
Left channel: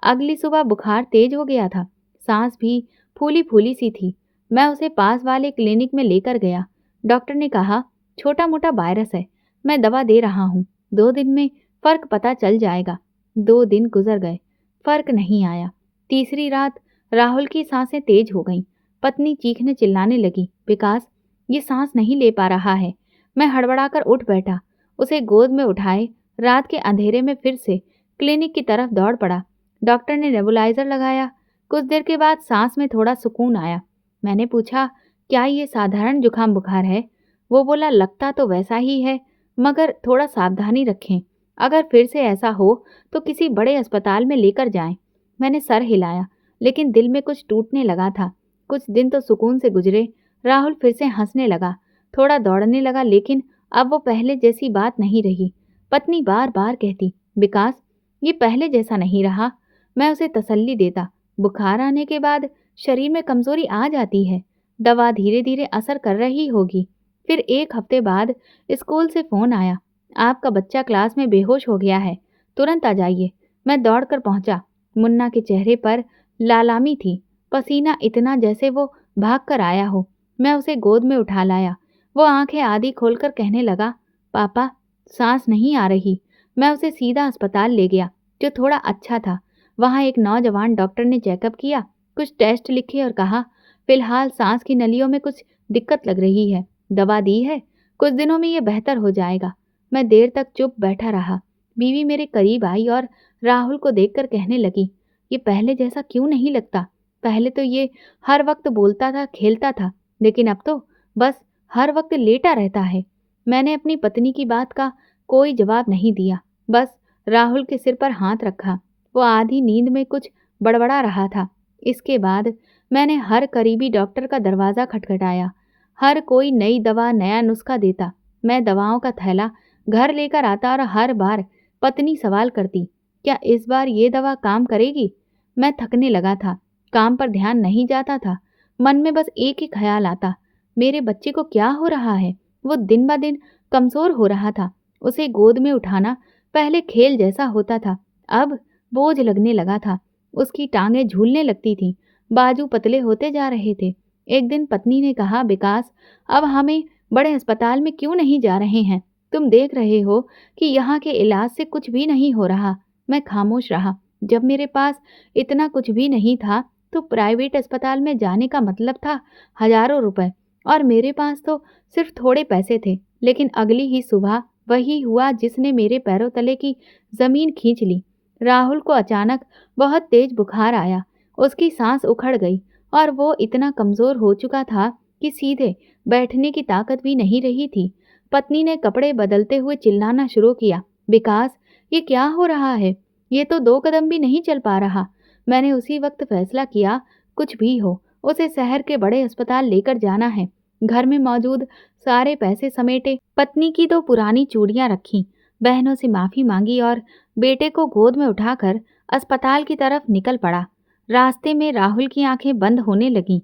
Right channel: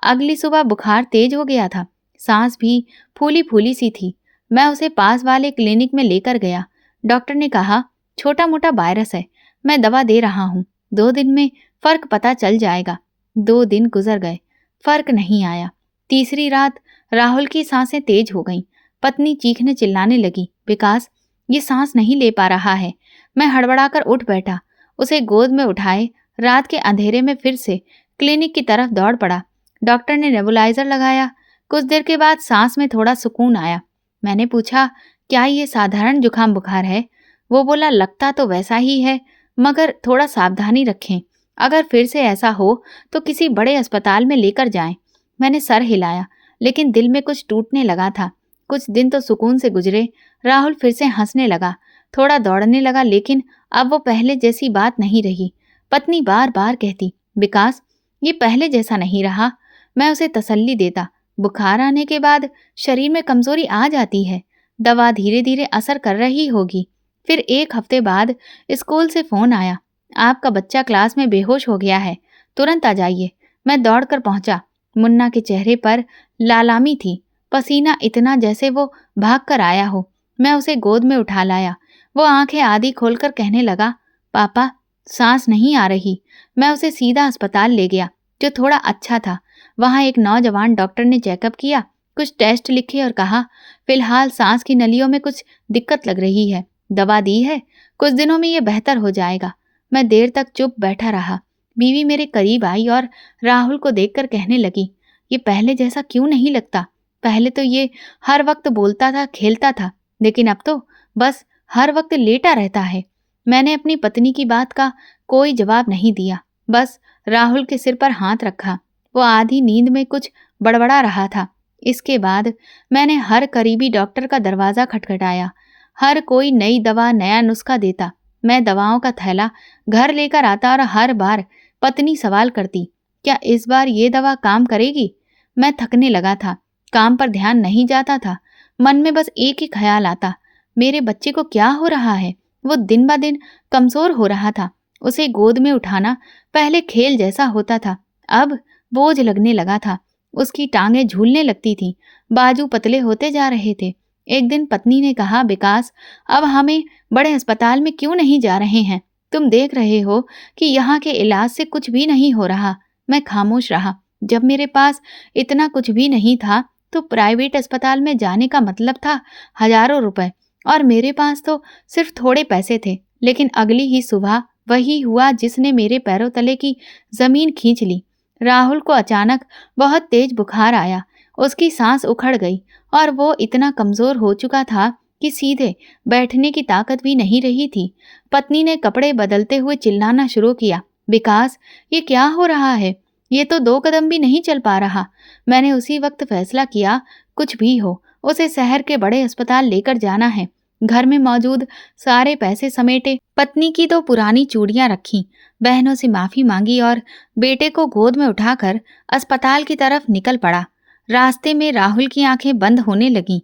अगली सुबह बुखार तेज हो गया था, सांस भी फूली फूली सी थी। मैं उसे पास वाले क्लिनिक में लेकर गया। डॉक्टर ने कहा छोटा मोटा वायरस है, मैं दवा दे रहा हूँ, 2 दिन में फर्क पता चल जाएगा। 2 दिन गुजर गए, फर्क नहीं आया। तीसरी रात राहुल की सांसें तेज हो गईं। पत्नी चीखने चिल्लाने लगी, विकास ये सांस नहीं ले पा रहा है। मैं हड़बड़ाकर उठ बैठा, उसे गोद में उठाए रात के अंधेरे में फिर से क्लिनिक की तरफ दौड़ पड़ा। डॉक्टर ने नेबुलाइजर लगाया। कुछ देर के बाद सांस में थोड़ा सुकून आया। मैंने पूछा, क्या ये साधारण जुकाम बुखार है? वो बोला, लगता तो वैसा ही है, मगर थोड़ा सावधानी रखें। अगर फिर से ऐसा हो तो किसी बड़े अस्पताल में लेकर जाएं। मैंने सर हिलाया, लेकिन दिल में कुछ टूटने लगा था। कुछ दिन तो सुकून से गुजरे। राहुल फिर से हंसने लगा, थोड़ा दौड़ने लगा, लेकिन अब वो पहले जैसी बात नहीं रही। पत्नी बार बार कहती, विकास ये पहले जैसा नहीं रहा। मैं उसे तसल्ली देता, बुखार आने के बाद शरीर में कमजोरी आ जाती है, दवा धीरे धीरे असर कर रही होगी। फिर 1 हफ्ते बाद स्कूल से फोन आया, आपका बच्चा क्लास में बेहोश हो गया है, तुरंत आ जाइए। मैं दौड़कर पहुंचा। मुन्ना के चेहरे पर लालामी थी, पसीना इतना जैसे वो भाग कर आया हो। मैं उसे गोद में उठा लाया। वो आंखें आधी खोलकर कहने लगा, पापा सांस नहीं आ रही। मैं उसे सीधा अस्पताल ले गया, जो थोड़ा अच्छा था। वहाँ एक नौजवान डॉक्टर ने चेकअप किया, कुछ टेस्ट लिखे और कहा, फिलहाल सांस की नलियों में कुछ दिक्कत लग रही है, दवा दी है, कुछ दिनों में ये बेहतर हो जाएगा। मैं देर तक चुप बैठा रहा। बीवी मेरे करीब आई और राहुल को देखकर कहने लगी, ये पहले जैसा क्यों नहीं लगता? पहले तो ये हर वक्त बोलता था, खेलता था, लेकिन अब तो बस हर वक्त लेटा रहता है। मैंने अपनी पत्नी की बात का कोई जवाब नहीं दिया, बस राहुल के सिर पर हाथ रखा। वो आधी नींद में कुछ बड़बड़ा रहा था। इसके बाद मैंने हर करीबी डॉक्टर का दरवाज़ा खटखटाया। हर कोई नई दवा, नया नुस्खा देता। मैं दवाओं का थैला घर लेकर आता और हर बार पत्नी सवाल करती, क्या इस बार ये दवा काम करेगी? मैं थकने लगा था, काम पर ध्यान नहीं जाता था। मन में बस एक ही ख्याल आता, मेरे बच्चे को क्या हो रहा है? वो दिन ब दिन कमज़ोर हो रहा था। उसे गोद में उठाना पहले खेल जैसा होता था, अब बोझ लगने लगा था। उसकी टाँगें झूलने लगती थीं, बाजू पतले होते जा रहे थे। एक दिन पत्नी ने कहा, विकास, अब हमें बड़े अस्पताल में क्यों नहीं जा रहे हैं? तुम देख रहे हो कि यहाँ के इलाज से कुछ भी नहीं हो रहा। मैं खामोश रहा। जब मेरे पास इतना कुछ भी नहीं था तो प्राइवेट अस्पताल में जाने का मतलब था हजारों रुपए, और मेरे पास तो सिर्फ थोड़े पैसे थे। लेकिन अगली ही सुबह वही हुआ जिसने मेरे पैरों तले की जमीन खींच ली। राहुल को अचानक बहुत तेज बुखार आया। उसकी सांस उखड़ गई और वो इतना कमजोर हो चुका था कि सीधे बैठने की ताकत भी नहीं रही थी। पत्नी ने कपड़े बदलते हुए चिल्लाना शुरू किया, विकास, ये क्या हो रहा है? ये तो 2 कदम भी नहीं चल पा रहा। मैंने उसी वक्त फैसला किया, कुछ भी हो उसे शहर के बड़े अस्पताल लेकर जाना है। घर में मौजूद सारे पैसे समेटे, पत्नी की 2 पुरानी चूड़ियां रखीं, बहनों से माफी मांगी और बेटे को गोद में उठाकर अस्पताल की तरफ निकल पड़ा। रास्ते में राहुल की आंखें बंद होने लगीं।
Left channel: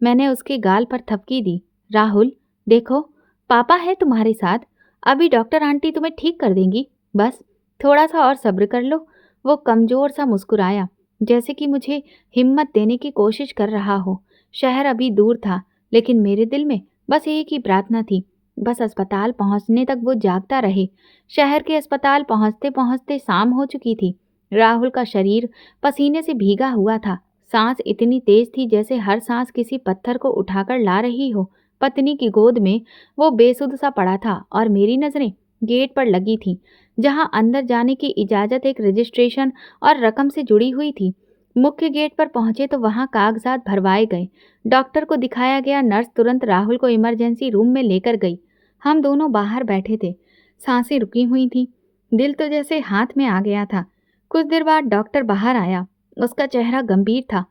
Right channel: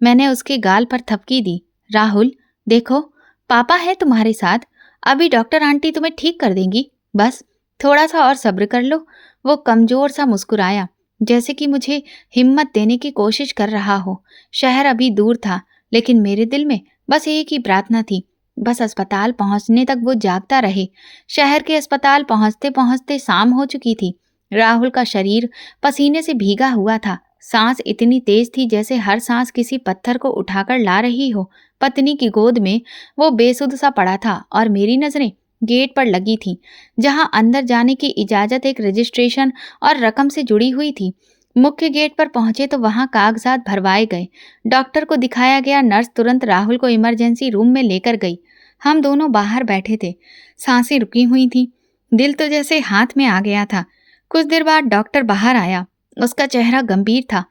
मैंने उसके गाल पर थपकी दी। राहुल, देखो, पापा है तुम्हारे साथ। अभी डॉक्टर आंटी तुम्हें ठीक कर देंगी। बस थोड़ा सा और सब्र कर लो। वो कमजोर सा मुस्कुराया, जैसे कि मुझे हिम्मत देने की कोशिश कर रहा हो। शहर अभी दूर था, लेकिन मेरे दिल में बस एक ही प्रार्थना थी, बस अस्पताल पहुंचने तक वो जागता रहे। शहर के अस्पताल पहुंचते पहुंचते शाम हो चुकी थी। राहुल का शरीर पसीने से भीगा हुआ था। सांस इतनी तेज थी जैसे हर सांस किसी पत्थर को उठाकर ला रही हो। पत्नी की गोद में वो बेसुध सा पड़ा था और मेरी नजरें गेट पर लगी थीं, जहां अंदर जाने की इजाजत एक रजिस्ट्रेशन और रकम से जुड़ी हुई थी। मुख्य गेट पर पहुंचे तो वहां कागजात भरवाए गए। डॉक्टर को दिखाया गया। नर्स तुरंत राहुल को इमरजेंसी रूम में लेकर गई। हम दोनों बाहर बैठे थे। सांसें रुकी हुई थीं। दिल तो जैसे हाथ में आ गया था। कुछ देर बाद डॉक्टर बाहर आया। उसका चेहरा गंभीर था।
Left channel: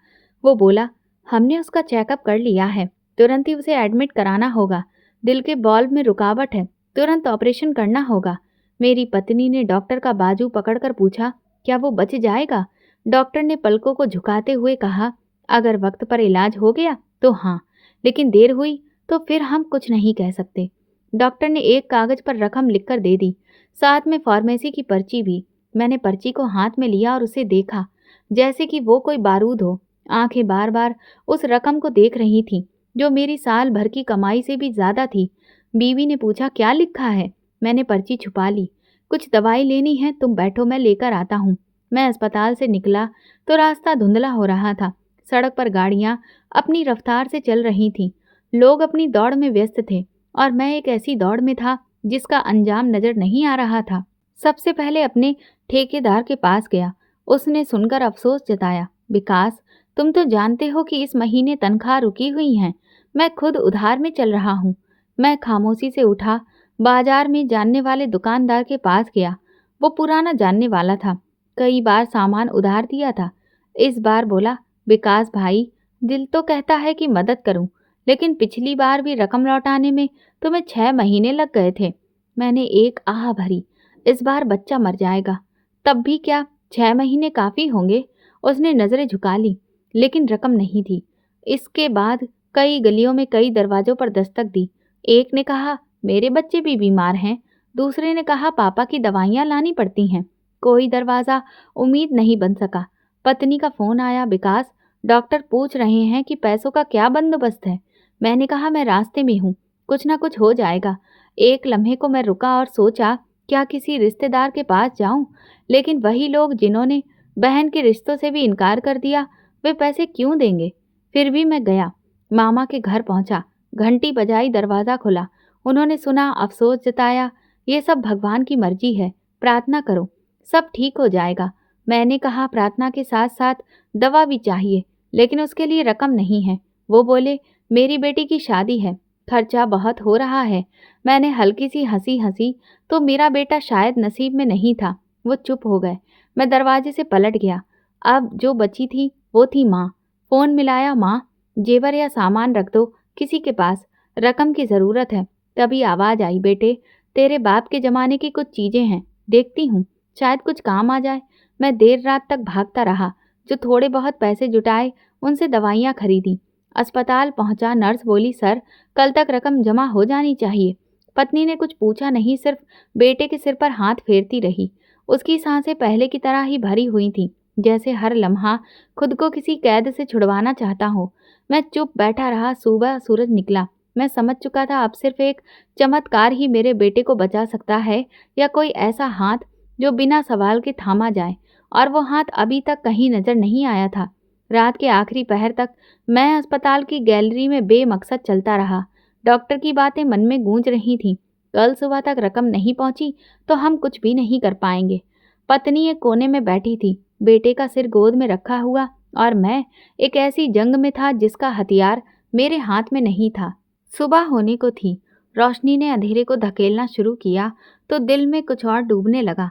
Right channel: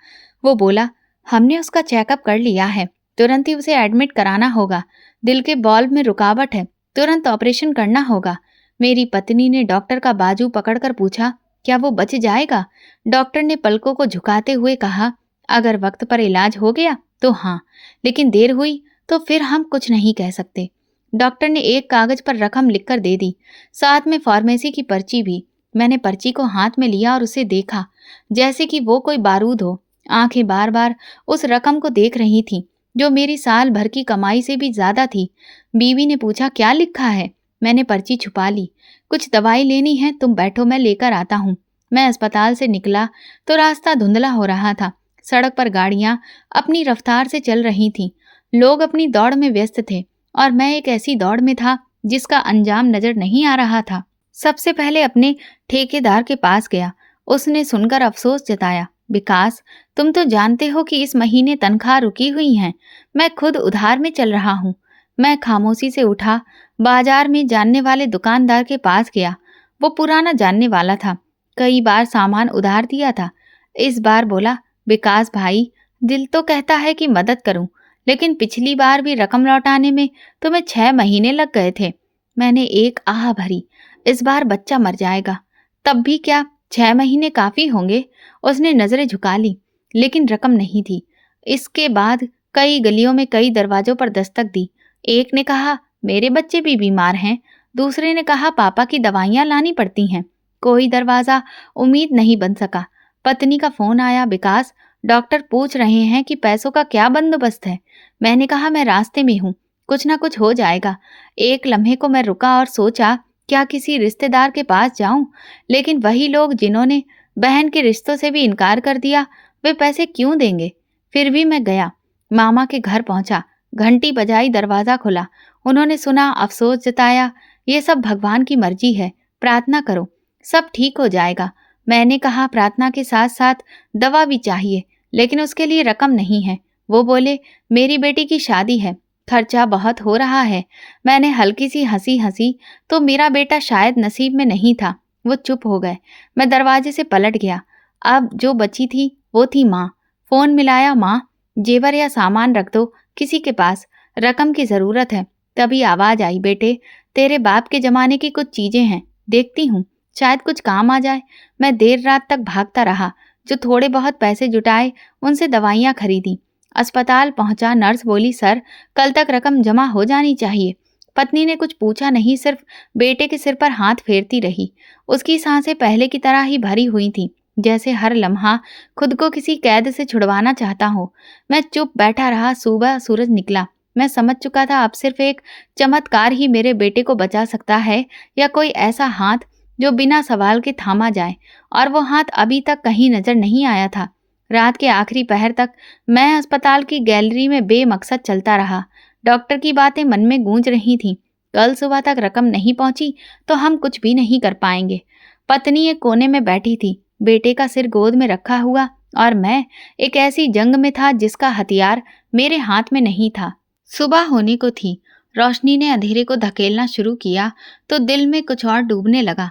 वो बोला, हमने उसका चेकअप कर लिया है। तुरंत ही उसे एडमिट कराना होगा। दिल के बॉल्व में रुकावट है। तुरंत ऑपरेशन करना होगा। मेरी पत्नी ने डॉक्टर का बाजू पकड़कर पूछा, क्या वो बच जाएगा? डॉक्टर ने पलकों को झुकाते हुए कहा, अगर वक्त पर इलाज हो गया तो हाँ, लेकिन देर हुई तो फिर हम कुछ नहीं कह सकते। डॉक्टर ने एक कागज पर रकम लिखकर दे दी, साथ में फार्मेसी की पर्ची भी। मैंने पर्ची को हाथ में लिया और उसे देखा, जैसे कि वो कोई बारूद हो। आंखें बार बार उस रकम को देख रही थीं, जो मेरी साल भर की कमाई से भी ज्यादा थी। बीवी ने पूछा, क्या लिखा है? मैंने पर्ची छुपा ली। कुछ दवाई लेनी है, तुम बैठो, मैं लेकर आता हूँ। मैं अस्पताल से निकला तो रास्ता धुंधला हो रहा था। सड़क पर गाड़ियां अपनी रफ्तार से चल रही थीं। लोग अपनी दौड़ में व्यस्त थे और मैं एक ऐसी दौड़ में था जिसका अंजाम नजर नहीं आ रहा था। सबसे पहले अपने ठेकेदार के पास गया। उसने सुनकर अफसोस जताया, विकास, तुम तो जानते हो कि इस महीने तनख्वाह रुकी हुई है। मैं खुद उधार में चल रहा हूँ। मैं खामोशी से उठा। बाजार में जानने वाले दुकानदार के पास गया। वो पुराना जानने वाला था, कई बार सामान उधार दिया था। इस बार बोला, विकास भाई, दिल तो कहता है कि मदद करूं, लेकिन पिछली बार भी रकम लौटाने में तुम्हें 6 महीने लग गए थे। मैंने एक आह भरी, इस बार बच्चा मर जाएगा। तब भी क्या 6 महीने काफी होंगे? उसने नजरें झुका ली, लेकिन रकम नहीं थी। इसके बाद कई गलियों में कई दरवाजों पर दस्तक दी। एक ने कहा, मेरे बच्चे भी बीमार हैं। दूसरे ने कहा, पापा की दवाइयां लानी पड़ती हैं। कोई दरवाजा उम्मीद नहीं बन सका। पत्नी का फोन आया, विकास, डॉक्टर पूछ रहे हैं कि पैसों का क्या बंदोबस्त है। मैंने कहा, मैं रास्ते में हूँ, कुछ ना कुछ हो जाएगा। एक लम्हे को मैं रुका और सोचा, क्या किसी रिश्तेदार के पास जाऊं? लेकिन वही लोग जिन्होंने बहन के रिश्तों से भी इनकार कर दिया, वे पैसे क्यों देंगे? फिर भी मैं गया। मामा के घर पहुंचा। घंटी बजाई, दरवाजा खुला। उन्होंने सुना, अफसोस जताया, ये सब भगवान की मर्जी है, प्रार्थना करो, सब ठीक हो जाएगा। मैंने कहा, प्रार्थना के साथ साथ दवा भी चाहिए, लेकिन उसके लिए रकम नहीं है। वो बोले, मेरी बेटी की शादी है, खर्चा बहुत हो रहा है। मैंने हल्की सी हंसी हंसी तो मेरा बेटा शायद नसीब में नहीं था। वो चुप हो गए। मैं दरवाजे से पलट गया। अब जो बची थी वो थी माँ। फोन मिलाया, माँ, जेवर या सामान रख दो किसी के पास, रकम की ज़रूरत है। तभी आवाज़ आई, बेटे, तेरे बाप के ज़माने की कुछ चीज़ें हैं, देखती हूँ, शायद कुछ काम आ जाए। मैं देर रात तक भागता रहा। जो थोड़े बहुत पैसे जुटाए उनसे दवाइयाँ खरीदी। अस्पताल पहुंचा, नर्स बोली, सर कल तक रकम जमा हो जानी चाहिए। पत्नी ने कुछ पूछा नहीं, सिर्फ बेटे के सिर पर हाथ फेरती रही। उसकी सांसें पहले की तरह ही भरी हुई थीं, जैसे हर लम्हा खुद को किसी कैद से छुड़वाना चाहता हो। मैं चुप बैठा रहा। सुबह सूरज निकला। मैं समझ चुका था अब सिर्फ एक चमत्कार ही मेरे बेटे को बचा सकता है, या कोई ऐसा हाथ जो बिना सवाल के थामा जाए। और वो हाथ अभी तक कहीं नजर नहीं आया था। रात के आखिरी पहर तक मैं अस्पताल की गैलरी में बेमकसद चलता रहा। डॉक्टर की बातें मन में गूंज रही थीं। कल सुबह तक रकम नहीं पहुंची तो हम कुछ भी नहीं कर पाएंगे। पत्नी एक कोने में बैठी थी, बेटे का सिर गोद में रखा हुआ, और मैं एक ऐसी जंग में था जिसका हथियार मेरे हाथ में नहीं था। सुबह होने को थी। रोशनी ने अंधेरे को धकेलना शुरू किया तो दिल में कुछ और डूबने लगा।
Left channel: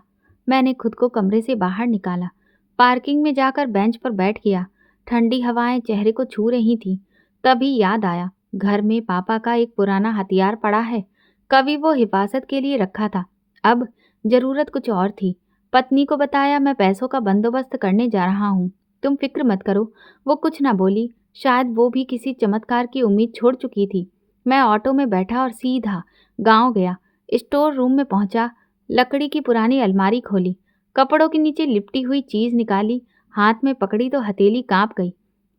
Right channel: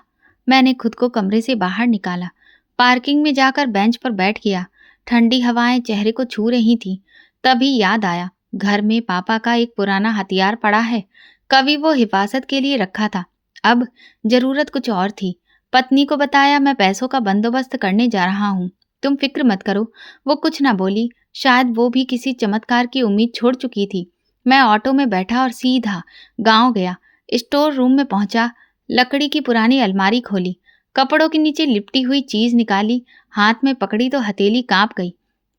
मैंने खुद को कमरे से बाहर निकाला, पार्किंग में जाकर बेंच पर बैठ गया। ठंडी हवाएं चेहरे को छू रही थीं। तभी याद आया, घर में पापा का एक पुराना हथियार पड़ा है। कभी वो हिफाजत के लिए रखा था, अब जरूरत कुछ और थी। पत्नी को बताया, मैं पैसों का बंदोबस्त करने जा रहा हूँ, तुम फिक्र मत करो। वो कुछ ना बोली। शायद वो भी किसी चमत्कार की उम्मीद छोड़ चुकी थी। मैं ऑटो में बैठा और सीधा गांव गया। स्टोर रूम में पहुंचा, लकड़ी की पुरानी अलमारी खोली, कपड़ों के नीचे लिपटी हुई चीज निकाली, हाथ में पकड़ी तो हथेली कांप गई।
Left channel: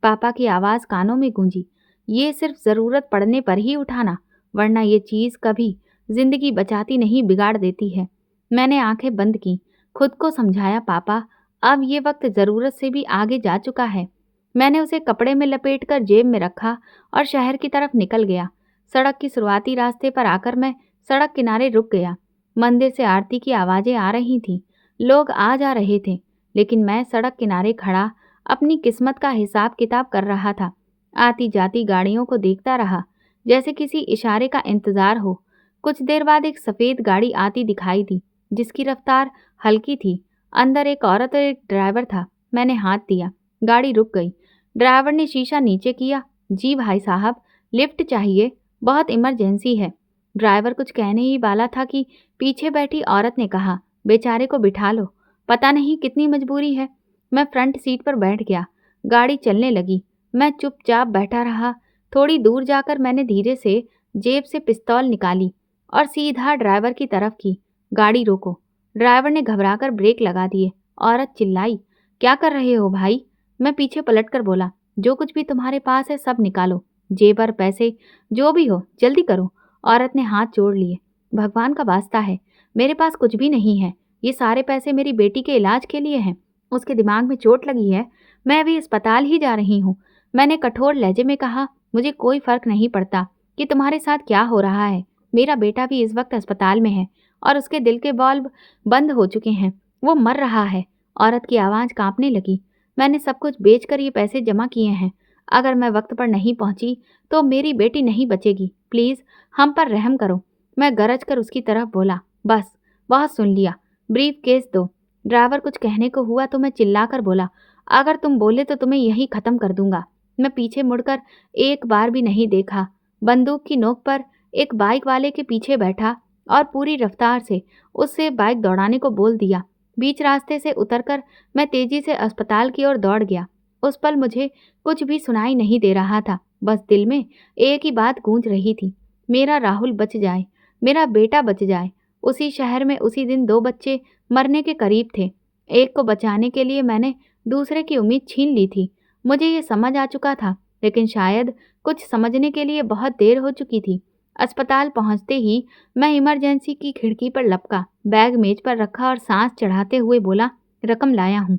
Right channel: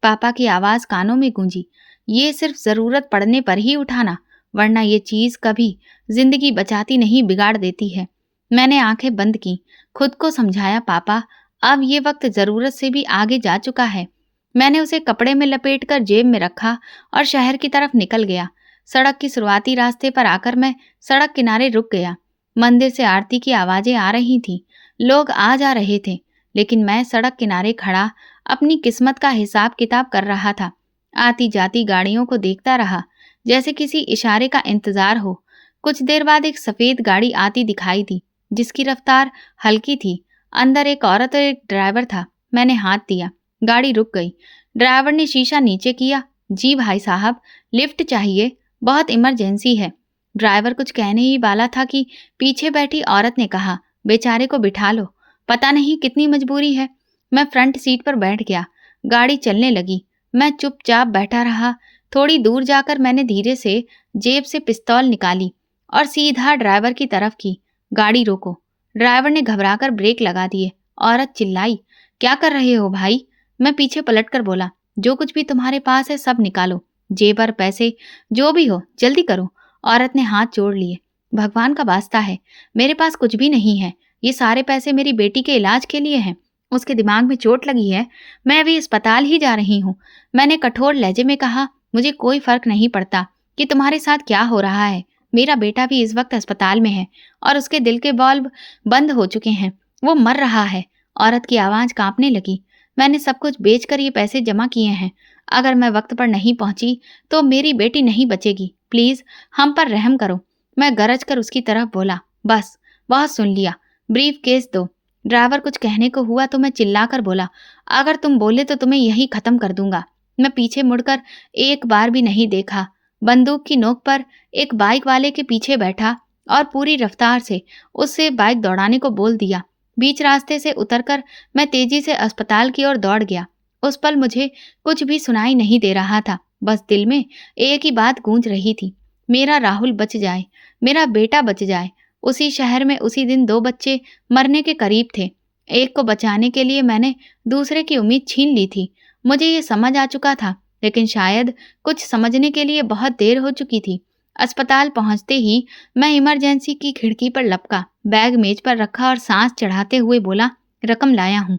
पापा की आवाज कानों में गूंजी, ये सिर्फ जरूरत पड़ने पर ही उठाना, वरना ये चीज कभी जिंदगी बचाती नहीं, बिगाड़ देती है। मैंने आंखें बंद की, खुद को समझाया, पापा अब ये वक्त जरूरत से भी आगे जा चुका है। मैंने उसे कपड़े में लपेटकर जेब में रखा और शहर की तरफ निकल गया। सड़क की शुरुआती रास्ते पर आकर मैं सड़क किनारे रुक गया। मंदिर से आरती की आवाजें आ रही थीं, लोग आ जा रहे थे, लेकिन मैं सड़क किनारे खड़ा अपनी किस्मत का हिसाब किताब कर रहा था। आती जाती गाड़ियों को देखता रहा, जैसे किसी इशारे का इंतजार हो। कुछ देर बाद एक सफेद गाड़ी आती दिखाई दी, जिसकी रफ्तार हल्की थी। अंदर एक औरत और एक ड्राइवर था। मैंने हाथ दिया, गाड़ी रुक गई। ड्राइवर ने शीशा नीचे किया, जी भाई साहब, लिफ्ट चाहिए, बहुत इमरजेंसी है। ड्राइवर कुछ कहने ही वाला था कि पीछे बैठी औरत ने कहा, बेचारे को बिठा लो, पता नहीं कितनी मजबूरी है। मैं फ्रंट सीट पर बैठ गया। गाड़ी चलने लगी। मैं चुपचाप बैठा रहा। थोड़ी दूर जाकर मैंने धीरे से जेब से पिस्तौल निकाली और सीधा ड्राइवर की तरफ की। गाड़ी रोको। ड्राइवर ने घबराकर ब्रेक लगा दिए। औरत चिल्लाई, क्या कर रहे हो भाई? मैं पीछे पलटकर बोला, जो कुछ भी तुम्हारे पास है सब निकालो, जेबर, पैसे, जो भी हो, जल्दी करो। औरत ने हाथ जोड़ लिए। भगवान का वास्ता है, मेरे पास कुछ भी नहीं है। ये सारे पैसे मेरी बेटी के इलाज के लिए हैं। उसके दिमाग में चोट लगी है, मैं अभी अस्पताल ही जा रही हूँ। मैंने कठोर लहजे में कहा, मुझे कोई फर्क नहीं पड़ता कि तुम्हारे साथ क्या हो रहा है। मेरा बेटा भी इस वक्त अस्पताल में है और उसके दिल के बॉल्ब बंद हो चुके हैं, वो मर रहा है। औरत की आवाज़ कांपने लगी। मैंने सब कुछ बेचकर ये पैसे जमा किए हैं। अगर मैं वक्त पर नहीं पहुंची तो मेरी बेटी नहीं बचेगी। प्लीज़ हम पर रहम करो। मैं गरज कर उसकी तरफ बोला, बस बहुत सुन लिया, ब्रीफ केस दो। ड्राइवर कुछ कहने को हुआ तो मैं चिल्लाकर बोला, अगर तुम बोले तो तुम्हें यहीं ख़त्म कर दूंगा। मैं पीछे मुड़कर एक बार भी नहीं देखा। बंदूक की नोक पर एक बाइक वाले के पीछे बैठा और पूरी रफ्तार से उससे बाइक दौड़ाने को बोल दिया। बीच रास्ते से उतरकर मैं तेजी से अस्पताल की ओर दौड़ गया। उस पल मुझे कुछ भी सुनाई नहीं दे रहा था, बस दिल में एक ही बात गूंज रही थी, मेरा राहुल बच जाए, मेरा बेटा बच जाए। उसी शहर में उसी दिन 2 बच्चे मरने के करीब थे। एक को बचाने के लिए मैंने दूसरे की उम्मीद छीन ली थी। मुझे ये समझ आ चुका था, लेकिन शायद कुछ समझने के लिए बहुत देर हो चुकी थी। अस्पताल पहुंचते ही मैं इमरजेंसी की खिड़की पर लपका, बैग मेज पर रखा और सांस चढ़ाते हुए बोला, रकम लाया हूँ,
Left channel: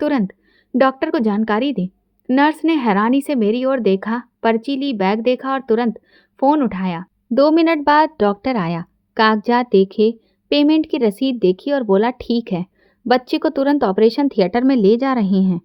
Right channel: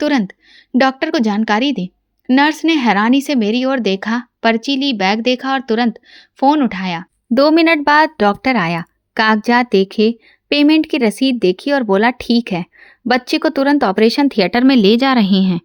तुरंत डॉक्टर को जानकारी दे। नर्स ने हैरानी से मेरी ओर देखा, पर्ची ली, बैग देखा और तुरंत फ़ोन उठाया। 2 मिनट बाद डॉक्टर आया, कागजात देखे, पेमेंट की रसीद देखी और बोला, ठीक है, बच्चे को तुरंत ऑपरेशन थिएटर में ले जा रहे हैं।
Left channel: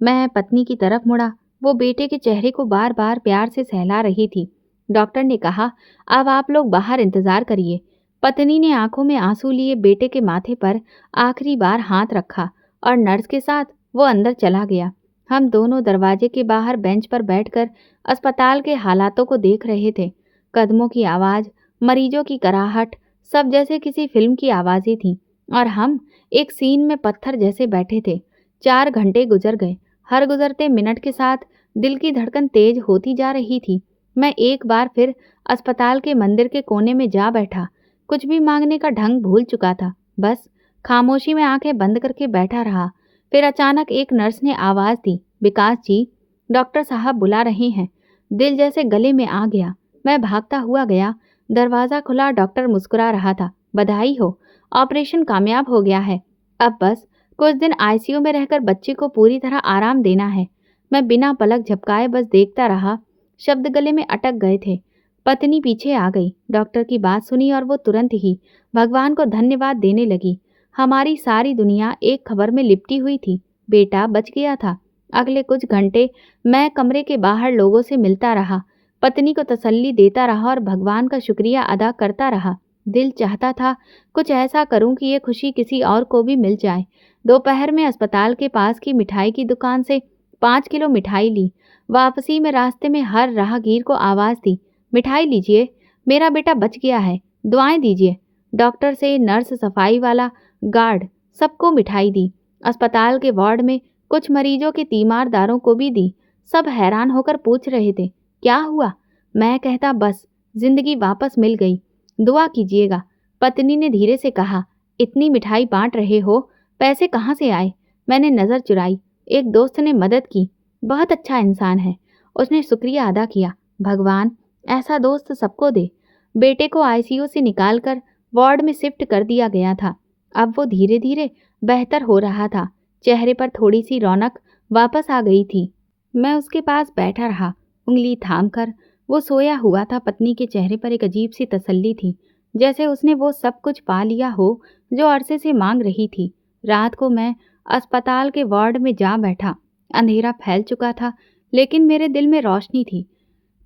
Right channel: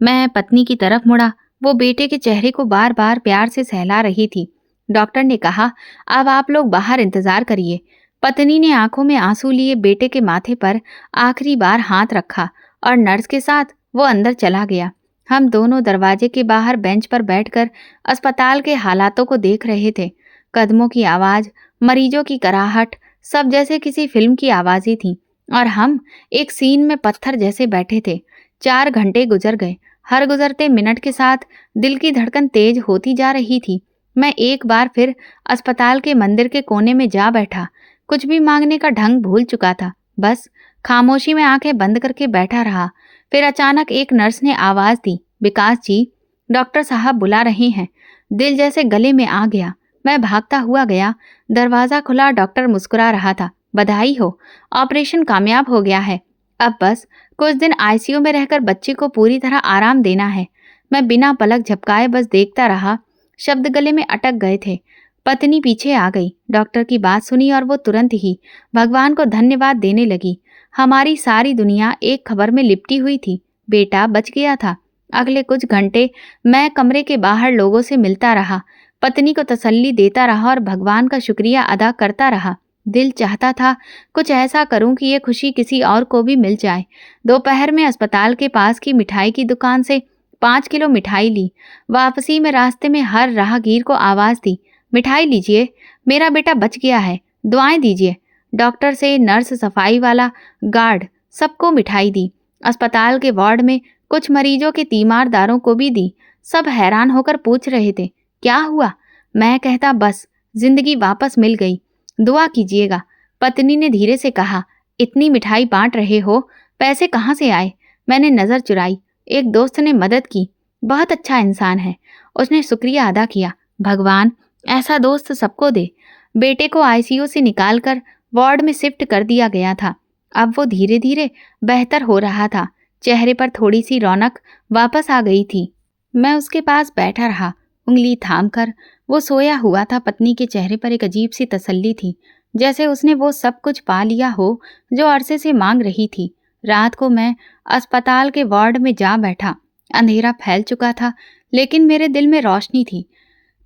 मैं पत्नी की तरफ मुड़ा, वो बेटे के चेहरे को बार बार प्यार से सहला रही थी। डॉक्टर ने कहा, अब आप लोग बाहर इंतज़ार करिए। पत्नी ने आंखों में आंसू लिए बेटे के माथे पर आखिरी बार हाथ रखा और नर्स के साथ वो अंदर चला गया। हम दोनों दरवाजे के बाहर बेंच पर बैठकर अस्पताल के हालातों को देख रहे थे। कदमों की आवाज़, मरीजों की कराहट, सब जैसे किसी फिल्म की आवाज़ें थीं और हम एक सीन में पत्थर जैसे बैठे थे। 4 घंटे गुजर गए। हर गुजरते मिनट के साथ दिल की धड़कन तेज होती जा रही थी। मैं एक बार फिर अस्पताल के मंदिर के कोने में जा बैठा। कुछ भी मांगने का ढंग भूल चुका था। बस खामोशी में आंखें बंद करके बैठा रहा। फिर अचानक एक नर्स ने आवाज़ दी, विकास जी, डॉक्टर साहब बुला रहे हैं। दिल जैसे गले में आ गया। मैं भागता हुआ गया। दरवाज़ा खुला, डॉक्टर मुस्कुरा रहा था। बधाई हो, ऑपरेशन कामयाब हो गया है। अब बस कुछ दिन आईसीयू में रहकर बच्चे को पूरी तरह आराम देना है। मैं बिना पलक झपकाए बस देखता रहा। शब्द गले में अटक गए थे। पत्नी पीछे आ गई, डॉक्टर की बात सुनी और वो तुरंत ही भगवान को धन्यवाद देने लगी। हमारी सारी दुनिया एक खबर में लिपटी हुई थी, बेटा बच गया था। अगले कुछ घंटे मैं कमरे के बाहर लोगों से मिलता रहा, पत्नी को तसल्ली देता रहा और भगवान का शुक्रिया अदा करता रहा। दिल चाहता था कुछ ऐसा करूं कि ये खुशी किसी और को भी मिल जाए। दोपहर में अस्पताल के पास की मिठाई की दुकान से 5 किलो मिठाई ली। वापसी में रास्ते में हर राहगीर को आवाज़ दी, मिठाई लीजिए, मेरा बेटा बच गया है, दुआएं दीजिए। डॉक्टर से नर्स, सफाई वाला, गार्ड, सबको मिठाई दी। अस्पताल के वार्ड में कुछ मरीजों के तीमारदारों को भी दी। सब हैरान होकर पूछ रहे थे, क्या हुआ? मैं कहता, बस जिंदगी वापस मिल गई, दुआ कीजिएगा। पत्नी ने धीरे से कहा, इतनी मिठाई बांट रहे हो, पैसे कहाँ से आए? मैंने नज़र चुराई। एक दोस्त ने मदद की, बहुत अच्छा इंसान है। उसने शुक्रिया अदा किया। भगवान ऐसा दोस्त सबको दे। बेटे को आईसीयू से निकालकर वार्ड में शिफ्ट कर दिया गया था। अब वो धीरे धीरे बेहतर हो रहा था। चेहरे पर थोड़ी सी रौनक वापस आ गई थी। मैं उसके पास बैठा रहा, उंगली थाम कर। वो सोया हुआ था। पत्नी के चेहरे पर एक अजीब सी तसल्ली थी, जैसे उसने वो सब कुछ पा लिया हो जो अरसे से मांग रही थी। रात को मैं अस्पताल के वार्ड में जा बैठा। अंधेरा फैल चुका था, लेकिन मेरे दिल में रोशनी थी।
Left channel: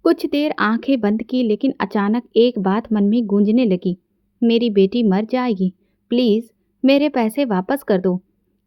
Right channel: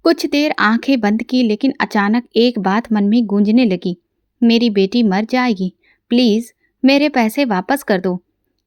कुछ देर आंखें बंद की, लेकिन अचानक एक बात मन में गूंजने लगी, मेरी बेटी मर जाएगी, प्लीज़ मेरे पैसे वापस कर दो।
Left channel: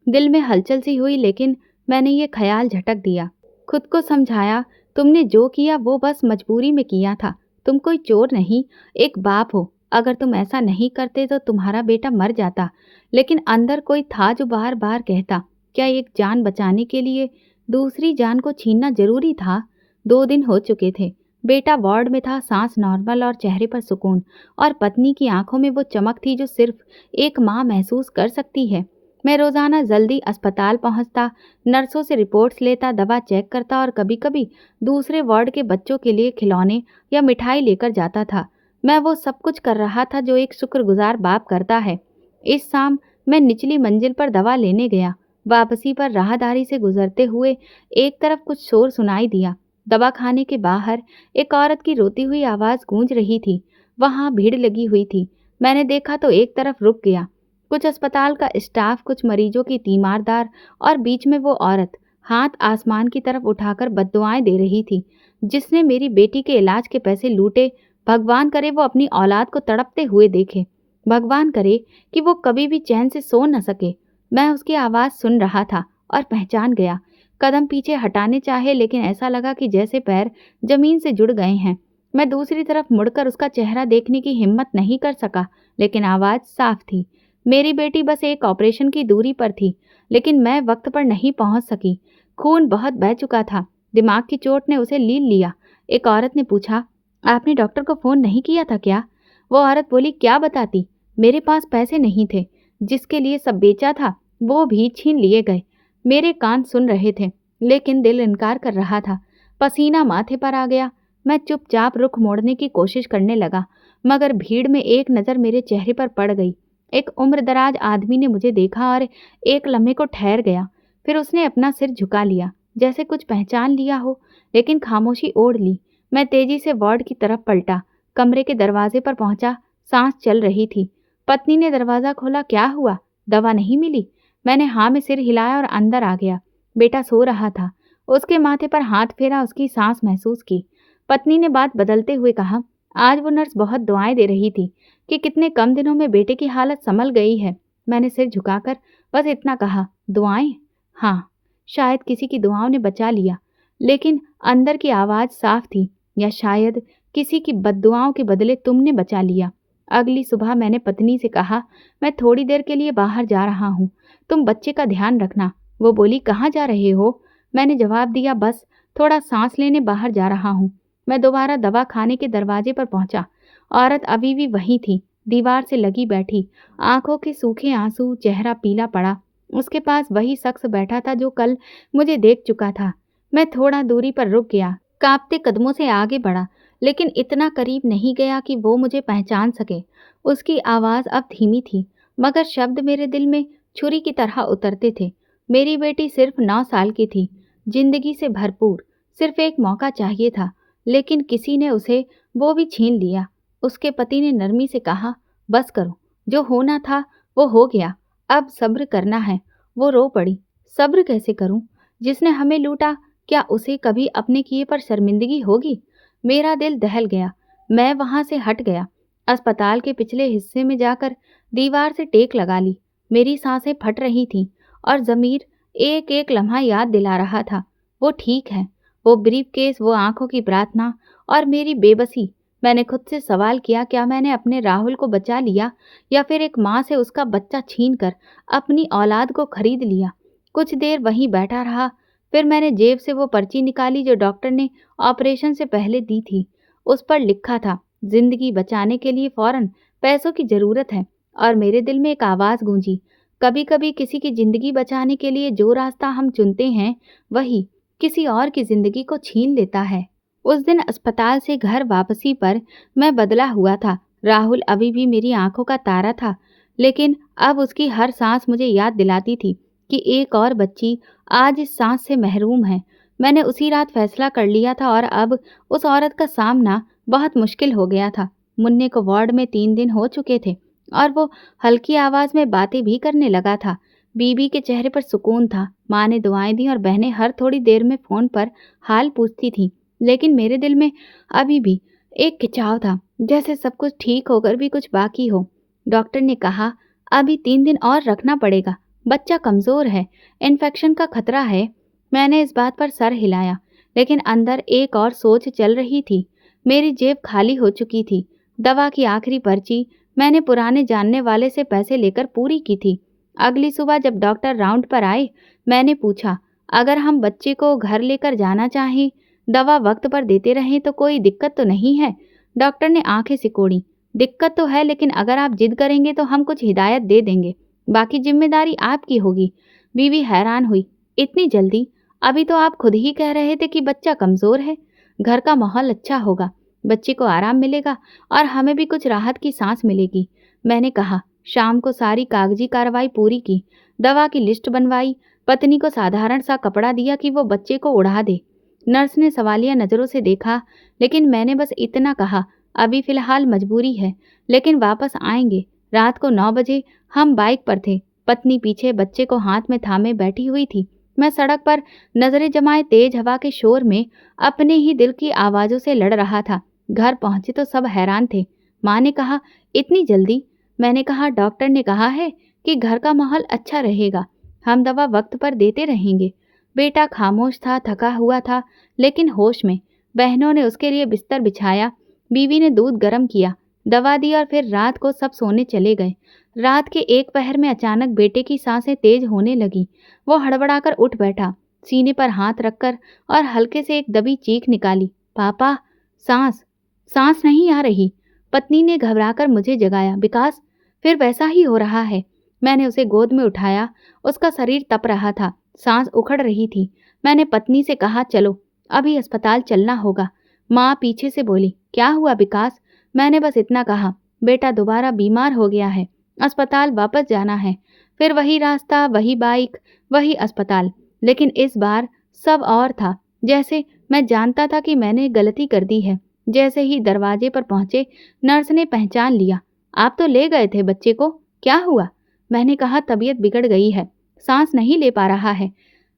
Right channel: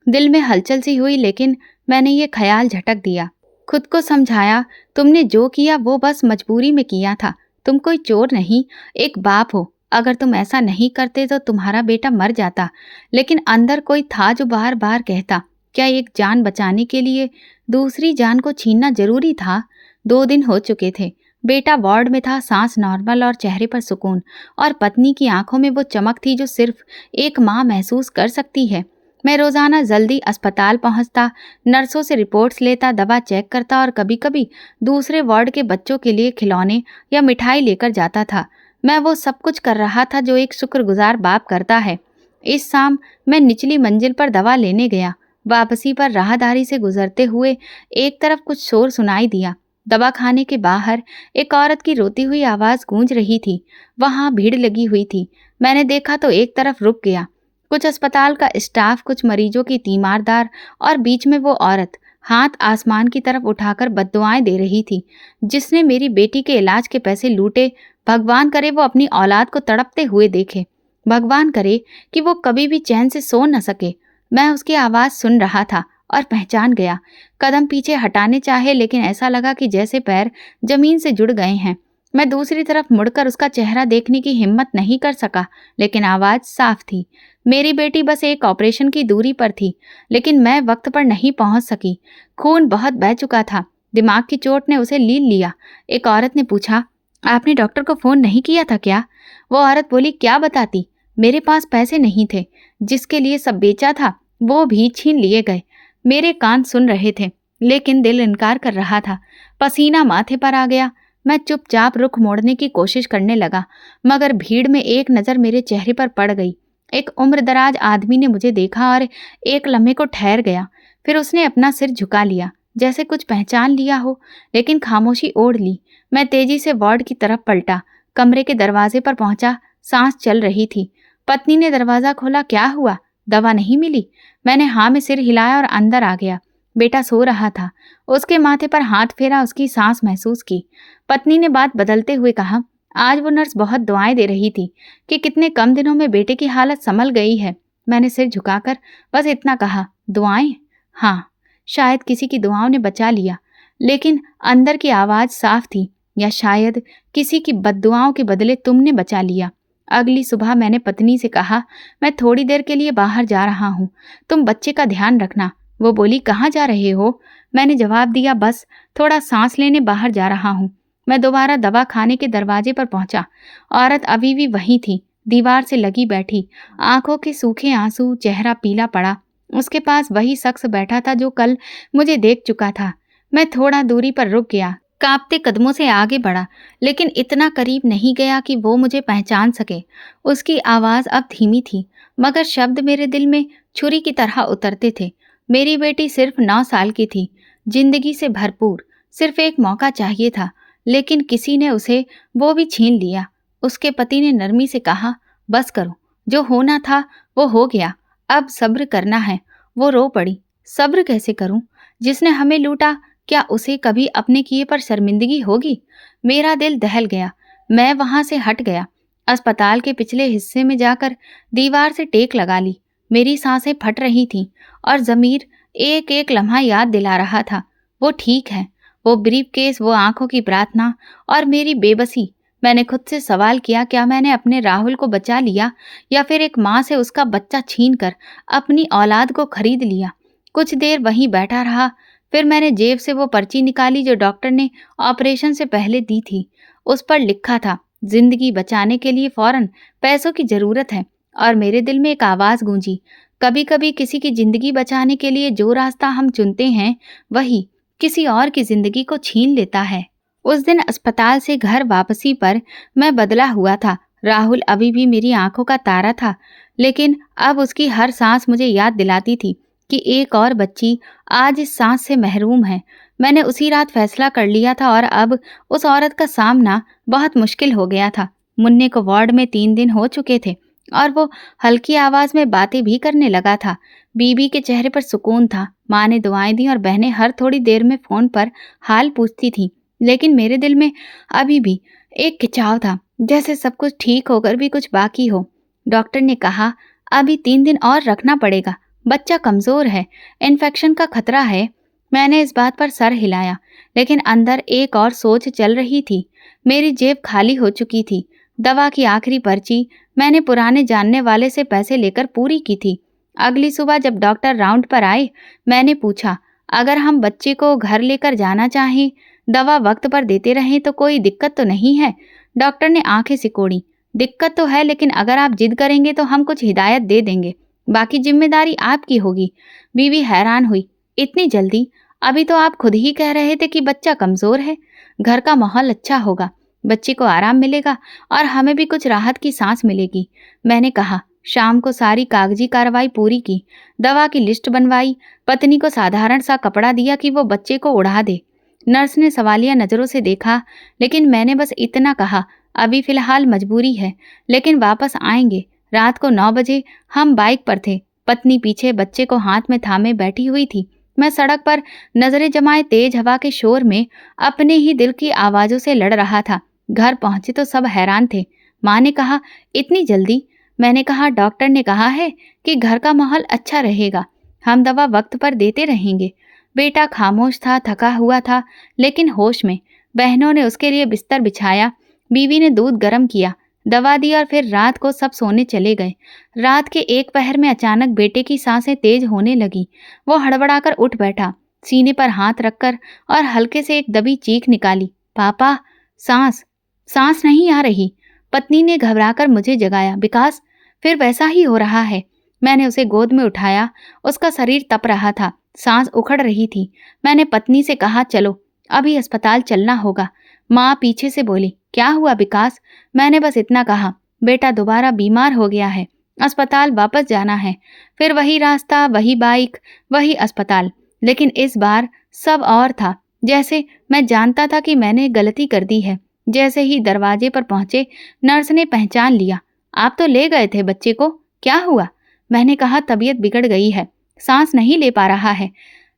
दिल में हलचल सी हुई, लेकिन मैंने ये ख्याल झटक दिया। खुद को समझाया, तुमने जो किया वो बस मजबूरी में किया था। तुम कोई चोर नहीं, एक बाप हो। अगर तुम ऐसा नहीं करते तो तुम्हारा बेटा मर जाता। लेकिन अंदर कोई था जो बार बार कहता, क्या एक जान बचाने के लिए दूसरी जान को छीनना जरूरी था? 2 दिन हो चुके थे। बेटा वार्ड में था, सांस नॉर्मल और चेहरे पर सुकून, और पत्नी की आंखों में वो चमक थी जो सिर्फ एक माँ महसूस कर सकती है। मैं रोज़ाना जल्दी अस्पताल पहुंचता, नर्सों से रिपोर्ट्स लेता, दवा चेक करता और कभी कभी दूसरे वार्ड के बच्चों के लिए खिलौने या मिठाई लेकर जाता था। मैं वो सब कुछ कर रहा था जो एक शुक्रगुजार बाप करता है। इस शाम मैं निचली मंजिल पर दवा लेने गया। वापसी पर राहदारी से गुजरते हुए एक तरफ कुछ शोर सुनाई दिया। दवा खाने के बाहर एक औरत की रोती हुई आवाज़ गूंज रही थी। वहाँ भीड़ लगी हुई थी। मैंने देखा तो एक तरफ रुक गया। कुछ अस्पताल का स्टाफ, कुछ मरीजों की तीमारदार, और बीच में वो औरत हाथ आसमान की तरफ उठाकर बद्दुआएं दे रही थी। जिसने मेरी बेटी के इलाज के पैसे लूटे, भगवान करे वो अपनी औलाद को तड़पते हुए देखे। भगवान करे कि वो कभी भी चैन से सो न सके। मैं उसकी आवाज़ सुन रहा था और पहचान गया। कदम पीछे हटाने चाहे, लेकिन ऐसा लगा कि जैसे पैर जमीन से जुड़ गए हैं। मैं दूसरी तरफ मुड़कर उसका चेहरा देखने की हिम्मत नहीं कर सका, लेकिन आवाज़ साफ थी। मेरी बेटी बस एक ऑपरेशन की दूरी पर थी, लेकिन मैं वक्त पर नहीं पहुंच सकी। खून बहुत बह चुका था। दिमाग की चोट ने उसे लील लिया। एक औरत ने पूछा, आपने डॉक्टर को फ़ोन नहीं किया था क्या? वो औरत बोली, क्या बताती, मेरे पास पैसे नहीं थे। जिसके लिए सब बेचा था वो भी छीन लिए गए। मेरे कान सुन रहे थे, लेकिन दिल इनकार कर रहा था। पसीना माथे पर आ गया। मैं चुपचाप रुख मोड़ने की कोशिश करने लगा, मगर भीड़ में एक नज़र मेरे चेहरे पर पड़ गई। एक उम्रदराज आदमी ने मुझे देखा और एक लम्हे को ठहर गया। फिर उसने अपना सिर झुका लिया, जैसे कुछ पहचान लिया हो, लेकिन खामोशी ओढ़ ली। मैं तेजी से वार्ड की तरफ पलटा। कमरे के दरवाजे पर पहुंचा। सांस चल रही थी। पत्नी ने दरवाज़ा खोला, क्या हुआ, दवा नहीं मिली? मैंने हाँ में सिर हिलाया और अंदर आ गया। बेटा सो रहा था। उसके माथे पर हाथ फेरा, उसकी सांस महसूस की। पत्नी ने बात बदलते हुए कहा, आज वो नर्स बहुत दुआएं दे रही थी कि कितने कम दिनों में बेटे की हालत संभल गई है। मैंने सिर झुकाकर बस इतना कहा, दुआएं? हाँ, शायद किसी की दुआओं ने बचा लिया। लेकिन अंदर की आवाज़ साफ थी, या शायद किसी की बद्दुआओं के बदले तुमने बचा लिया। अगली सुबह मैंने पत्नी से कहा, मैं थोड़ी देर के लिए बाहर जा रहा हूँ, तुम बच्चे का ध्यान रखना। वो बोली, कहाँ जा रहे हो? मैंने जवाब दिया, बस थोड़ा सांस लेने बाहर जा रहा हूँ। मैं दोबारा दवा खाने के दरवाजे पर पहुंचा। औरत अभी भी वहीं थी, दीवार से लगी बैठी, आंखों के सूखे आंसू, चेहरा पीला पड़ा। उसके पास वही शख्स बैठा था जो कल मुझे देख चुका था। मैं थोड़ा दूरी पर रुक गया, कांपते कदमों से आगे बढ़ा, लेकिन इतना करीब नहीं गया कि वो मुझे पहचान सके। उसकी आवाज़ अब धीमी थी, मगर शब्द मेरे दिल में छुरी की तरह उतरते थे। मेरी बेटी सिर्फ 9 साल की थी, जिंदगी से भरपूर, सिर्फ एक मौका चाहिए था, लेकिन किसी ने उसे वो भी छीन लिया। उसके पति ने नरमी से कहा, बस करो, जो होना था वो हो गया, अब सब्र करना है। वो रो पड़ी, सब्र कैसे करूं? जिसने हमें लूटा, क्या उसे कभी अपने किए पर शर्मिंदगी होगी? मेरा दिल दहल गया। मैं वहां से हट गया। अस्पताल के पिछले हिस्से में जाकर दीवार से टेक लगा ली। मेरी सांसें फट रही थीं और ज़मीर एक एक लम्हा याद दिला रहा था, वो ठीक है। वो ब्रीफकेस, वो आंखों की प्रार्थना और मेरी बेबसी। मैंने खुद से सवाल किया, क्या मैंने अपने राहुल को बचा लिया, या फिर एक माँ से उसका बच्चा छीन कर अपनी औलाद को खरीद लिया? कुछ देर वहीं बैठा रहा, फिर मैंने जेब से वो पर्ची निकाली जो डॉक्टर ने ऑपरेशन से पहले दी थी। उस पर लिखा था, जिंदगी बचाने के लिए फौरन पैसों की ज़रूरत है। और मेरे दिल में एक आवाज़ गूंजी, कभी कभी किसी की ज़िंदगी बचाने के लिए जो रास्ता हम चुनते हैं, वही किसी और की ज़िंदगी को छीन लेता है। उस दिन अस्पताल से घर वापसी पर मैं बदला हुआ था। राहुल अभी भी मेरी आंखों का तारा था, लेकिन अब उसकी हर सांस मुझे याद दिलाती थी कि एक और बच्ची आज इस सांस से महरूम है। मैंने उसी रात फैसला कर लिया था और अब उस औरत का सामना बहुत मुश्किल हो गया था। मुन्ने को वार्ड में 3 दिन हो चुके थे और वो हल्की आवाज़ में बातें भी करने लगा था। बीबी के चेहरे पर सुकून था। माँ ने दुआएं दी और बहनें हर थोड़ी देर में फ़ोन पर हाल पूछती थीं। लेकिन मेरे दिल में अभी भी एक खिंचाव था, जैसे सब कुछ ठीक होकर भी कुछ बाकी हो। डॉक्टर ने कहा, अभी 3 दिन और रखना पड़ेगा, बच्चा कमज़ोर है, इन्फेक्शन का खतरा है। मैंने इस बात पर सर हिलाया, लेकिन अंदर एक और सोच चल रही थी। मेरी जेब खाली हो चुकी थी। दवा की आखिरी पर्ची मैंने पुराने जानने वाले से पैसे लेकर पूरी की थी। अगली सुबह जब डॉक्टर राउंड पर आए, मैंने पूछा, अगर हम बच्चे को घर लेकर जाना चाहें, दवा वक्त पर देते रहें तो कोई दिक्कत तो नहीं है? डॉक्टर ने आंखें सिकोड़ी। दिक्कत तो है, लेकिन अगर आप जिद करेंगे तो हम कुछ हिदायत दे देंगे, बाकी जिम्मेदारी आपकी होगी। बीवी हैरान हुई, इतनी जल्दी? अभी तो आप खुद ही कह रहे थे कि बच्चा कमज़ोर है। घर का माहौल अच्छा होगा, बच्चे को आराम मिलेगा और हमें भी कुछ राहत की सांस मिलेगी। मैंने कहा। शाम को सारी कागजी कार्रवाई पूरी की, दवा की लिस्ट बनवाई, पत्नी को साधारण सा कपड़ा दिया कि वो बच्चे को उड़ा दे। नर्स ने सवालिया नज़रों से देखा, लेकिन मैंने बस इतना कहा, अभी फ़िलहाल मजबूरी है, लेकिन वापस आएंगे। रात को 9 बजे हम बाइक पर थे। पत्नी पीछे बच्चे को हाथ में थामे बैठी हुई थी। मैं सड़क पर नज़रें जमाए तेज हवा के शोर में अपने ही दिल की आवाज़ों से लड़ रहा था। घर पहुंचे तो सब हैरान थे। माँ ने कहा, इतनी जल्दी? मैंने कहा, डॉक्टर ने कहा है कि घर का माहौल अच्छा रहेगा, हम दवा वक्त पर देते रहेंगे। बेटा खामोश था, थका हुआ था, लेकिन होश में। बहनों ने उसके लिए बिस्तर बिछाया, बीवी ने दूध गर्म किया, दवा दी और फिर रात को सब सोने चले गए। रात के एक पहर में अचानक बेटे की सांसें तेज होने लगी। वो हड़बड़ाकर उठ बैठा, सीने पर हाथ रखकर, और हल्के से एक दबी चीख निकाली, पापा, सांस सांस नहीं आ रही। पत्नी ने घबराकर मुझे जगाया, विकास, फिर वैसा ही हो रहा है। मैंने उसे गोद में उठाया, उसका शरीर तप रहा था, सांस उखड़ रही थी। मैंने पत्नी से कहा, चलो अभी अस्पताल चलना होगा। माँ पीछे से बोली, क्या हुआ विकास? मैंने बस इतना कहा, बेटा दोबारा बीमार हो गया है, अस्पताल वापस जाना है। फिर वही रास्ता, वही बाइक, वही अस्पताल, लेकिन इस बार सब और था। जैसे मैं जानता था कि मैंने गलती कर दी है। जैसे ही दरवाजे पर पहुंचे, नर्स ने पहचान लिया, आप तो ले गए थे बच्चे को, क्या हुआ? मैंने कहा, तबीयत बिगड़ गई है, सांस नहीं ले पा रहा है।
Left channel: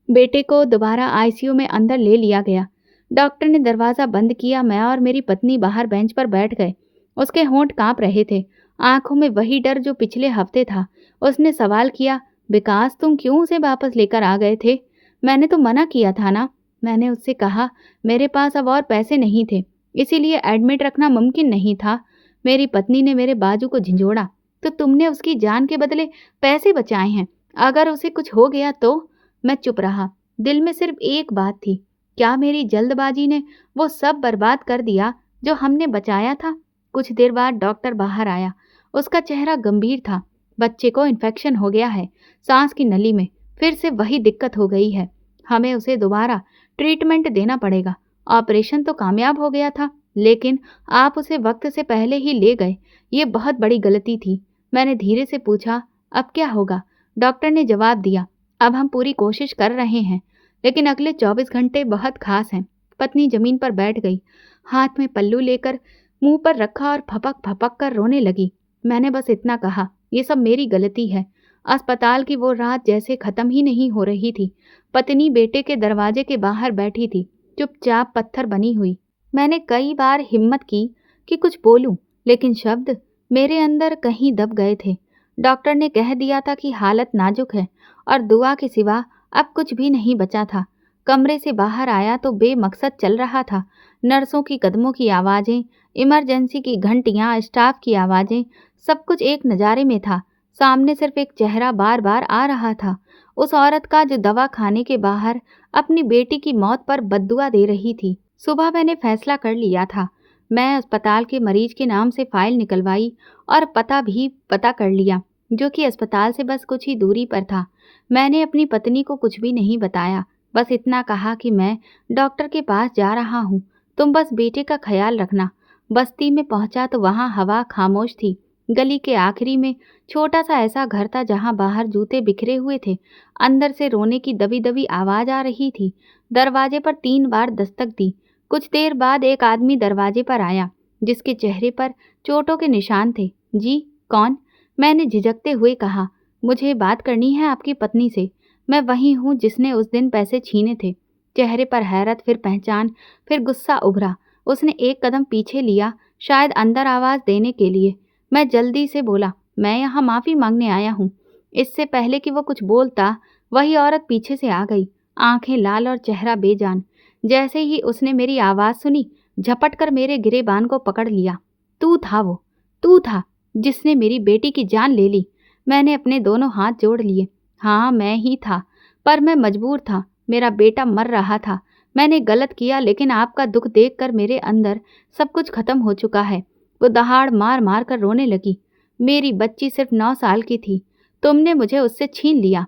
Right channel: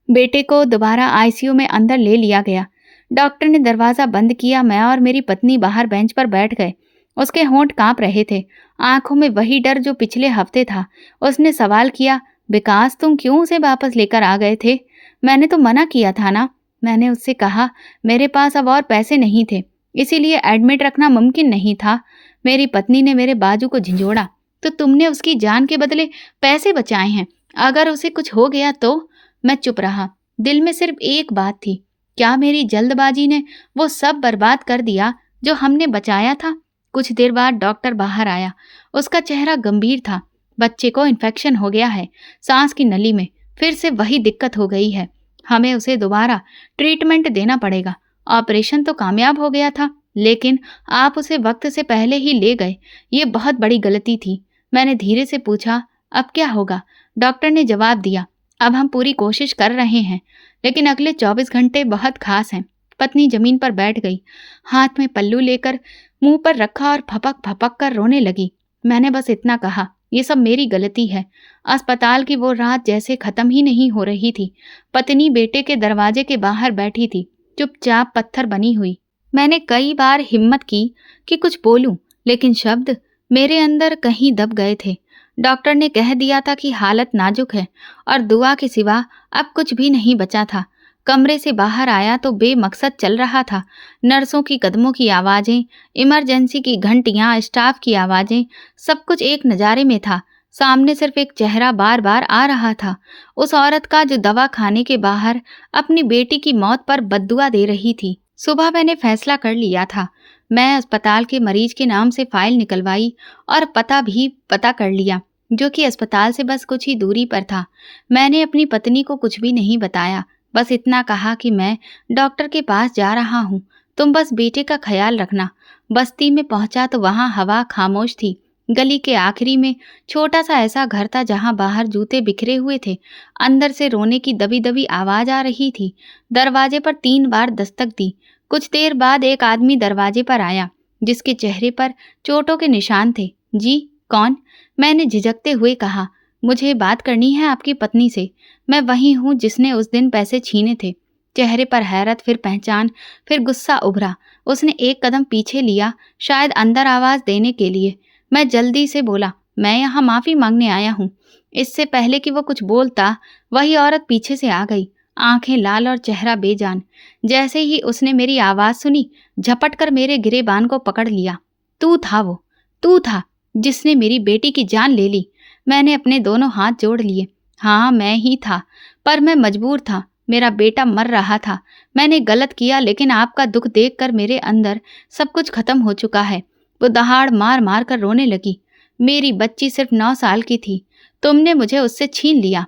बेटे को दोबारा आईसीयू में अंदर ले लिया गया। डॉक्टर ने दरवाज़ा बंद किया। मैं और मेरी पत्नी बाहर बेंच पर बैठ गए। उसके होंठ कांप रहे थे, आंखों में वही डर जो पिछले हफ्ते था। उसने सवाल किया, विकास, तुम क्यों उसे वापस लेकर आ गए थे? मैंने तो मना किया था ना। मैंने उससे कहा, मेरे पास अब और पैसे नहीं थे, इसीलिए एडमिट रखना मुमकिन नहीं था। मेरी पत्नी ने मेरे बाजू को झंझोड़ा, तो तुमने उसकी जान के बदले पैसे बचाए हैं, अगर उसे कुछ हो गया तो? मैं चुप रहा। दिल में सिर्फ एक बात थी, क्या मेरी जल्दबाजी ने वो सब बर्बाद कर दिया जो हमने बचाया था? कुछ देर बाद डॉक्टर बाहर आया। उसका चेहरा गंभीर था। बच्चे को इन्फेक्शन हो गया है, सांस की नली में फिर से वही दिक्कत हो गई है। हमें उसे दोबारा ट्रीटमेंट देना पड़ेगा। ऑपरेशन तो कामयाब हो गया था, लेकिन आप उसे वक्त से पहले ही ले गए। ये बहुत बड़ी गलती थी। मैंने धीरे से पूछा, अब क्या होगा? डॉक्टर ने जवाब दिया, अब हम पूरी कोशिश कर रहे हैं, लेकिन अगले 24 घंटे बहुत खास हैं। पत्नी जमीन पर बैठ गई, हाथ में पल्लू लेकर मुंह पर रखा और फपक फपक कर रोने लगी। मैंने बस इतना कहा, ये सब मेरी गलती है। अस्पताल की वो रात जैसे खत्म ही नहीं हो रही थी। पत्नी बेटे के दरवाजे के बाहर बैठी थी, चुपचाप पत्थर बनी हुई। मैंने कई बार हिम्मत की कि कुछ बोलूं, लेकिन शब्द मेरे अंदर कहीं दब गए थे। डॉक्टर ने कह दिया था कि हालत नाजुक है और दुआ के सिवा अब कुछ भी नहीं बचा था। कमरे से बाहर आया तो बेमकसद चल रहा था। नर्सों की कदमों की आवाज़ें, इमरजेंसी की घंटियां, स्टाफ की आवाज़ें, सब कुछ एक नज़ारे में था। सामने सिर्फ एक चेहरा बार बार आ रहा था, उस औरत का जो दवा खाने के बाहर अपनी बेटी की मौत पर बद्दुआ दे रही थी। सुबह मैंने फैसला कर लिया था। मैं अस्पताल के मरीज के नाम से फाइल निकलवाई और पता भी पता कर लिया, जो कि अस्पताल से बस कुछ ही दूरी पर था। मैंने अपनी पत्नी को कुछ भी नहीं बताया, बस इतना कहा कि मैं डॉक्टर के पास जा रहा हूँ, तुम बस बेटे का ख्याल रखना। बस्ती में पहुंचा तो वहाँ हवा खामोश थी। गली के आखिरी में छोटा सा ऐसा घर था जहाँ बाहर जूते बिखरे हुए थे। अंदर से रोने की दबी दबी आवाज़ आ रही थी। दरवाजे पर 3 बार दस्तक दी। कुछ देर बाद एक आदमी दरवाजे पर आया, जिसके चेहरे पर चोटों के निशान थे। जी, कौन? मैंने झिझकते हुए कहा, मुझे बात करनी है आपकी पत्नी से। मैं वही हूँ जिसने उस दिन पैसे छीने थे। चेहरे पर हैरत, फिर पहचान, फिर गुस्सा उभरा। उसने एक कदम पीछे लिया, शायद अंदर आवाज़ देने के लिए। मैं जल्दी से बोला, मैं यहाँ माफ़ी मांगने आया हूँ। इससे पहले कि वो कुछ बोलता, वही औरत पीछे से आ गई, आंखें लाल और चेहरा बेजान। जैसे ही उसने मेरी आवाज़ सुनी, झपट कर मेरे गिरेबान को पकड़ लिया। तू था वो, तू था जिसने मेरी बेटी की जान ले ली। मैंने अपने दोनों हाथ जोड़ लिए। हाँ, मैं ही था, पर मैं मजबूर था। मेरा बेटा मर रहा था। मैंने गलत किया, लेकिन आपका दुख देखकर मेरे अंदर सब कुछ खत्म हो चुका है। वो दहाड़ मार मार कर रोने लगी। मेरी बच्ची सिर्फ 9 साल की थी। तुमने मुझे उससे छीन लिया।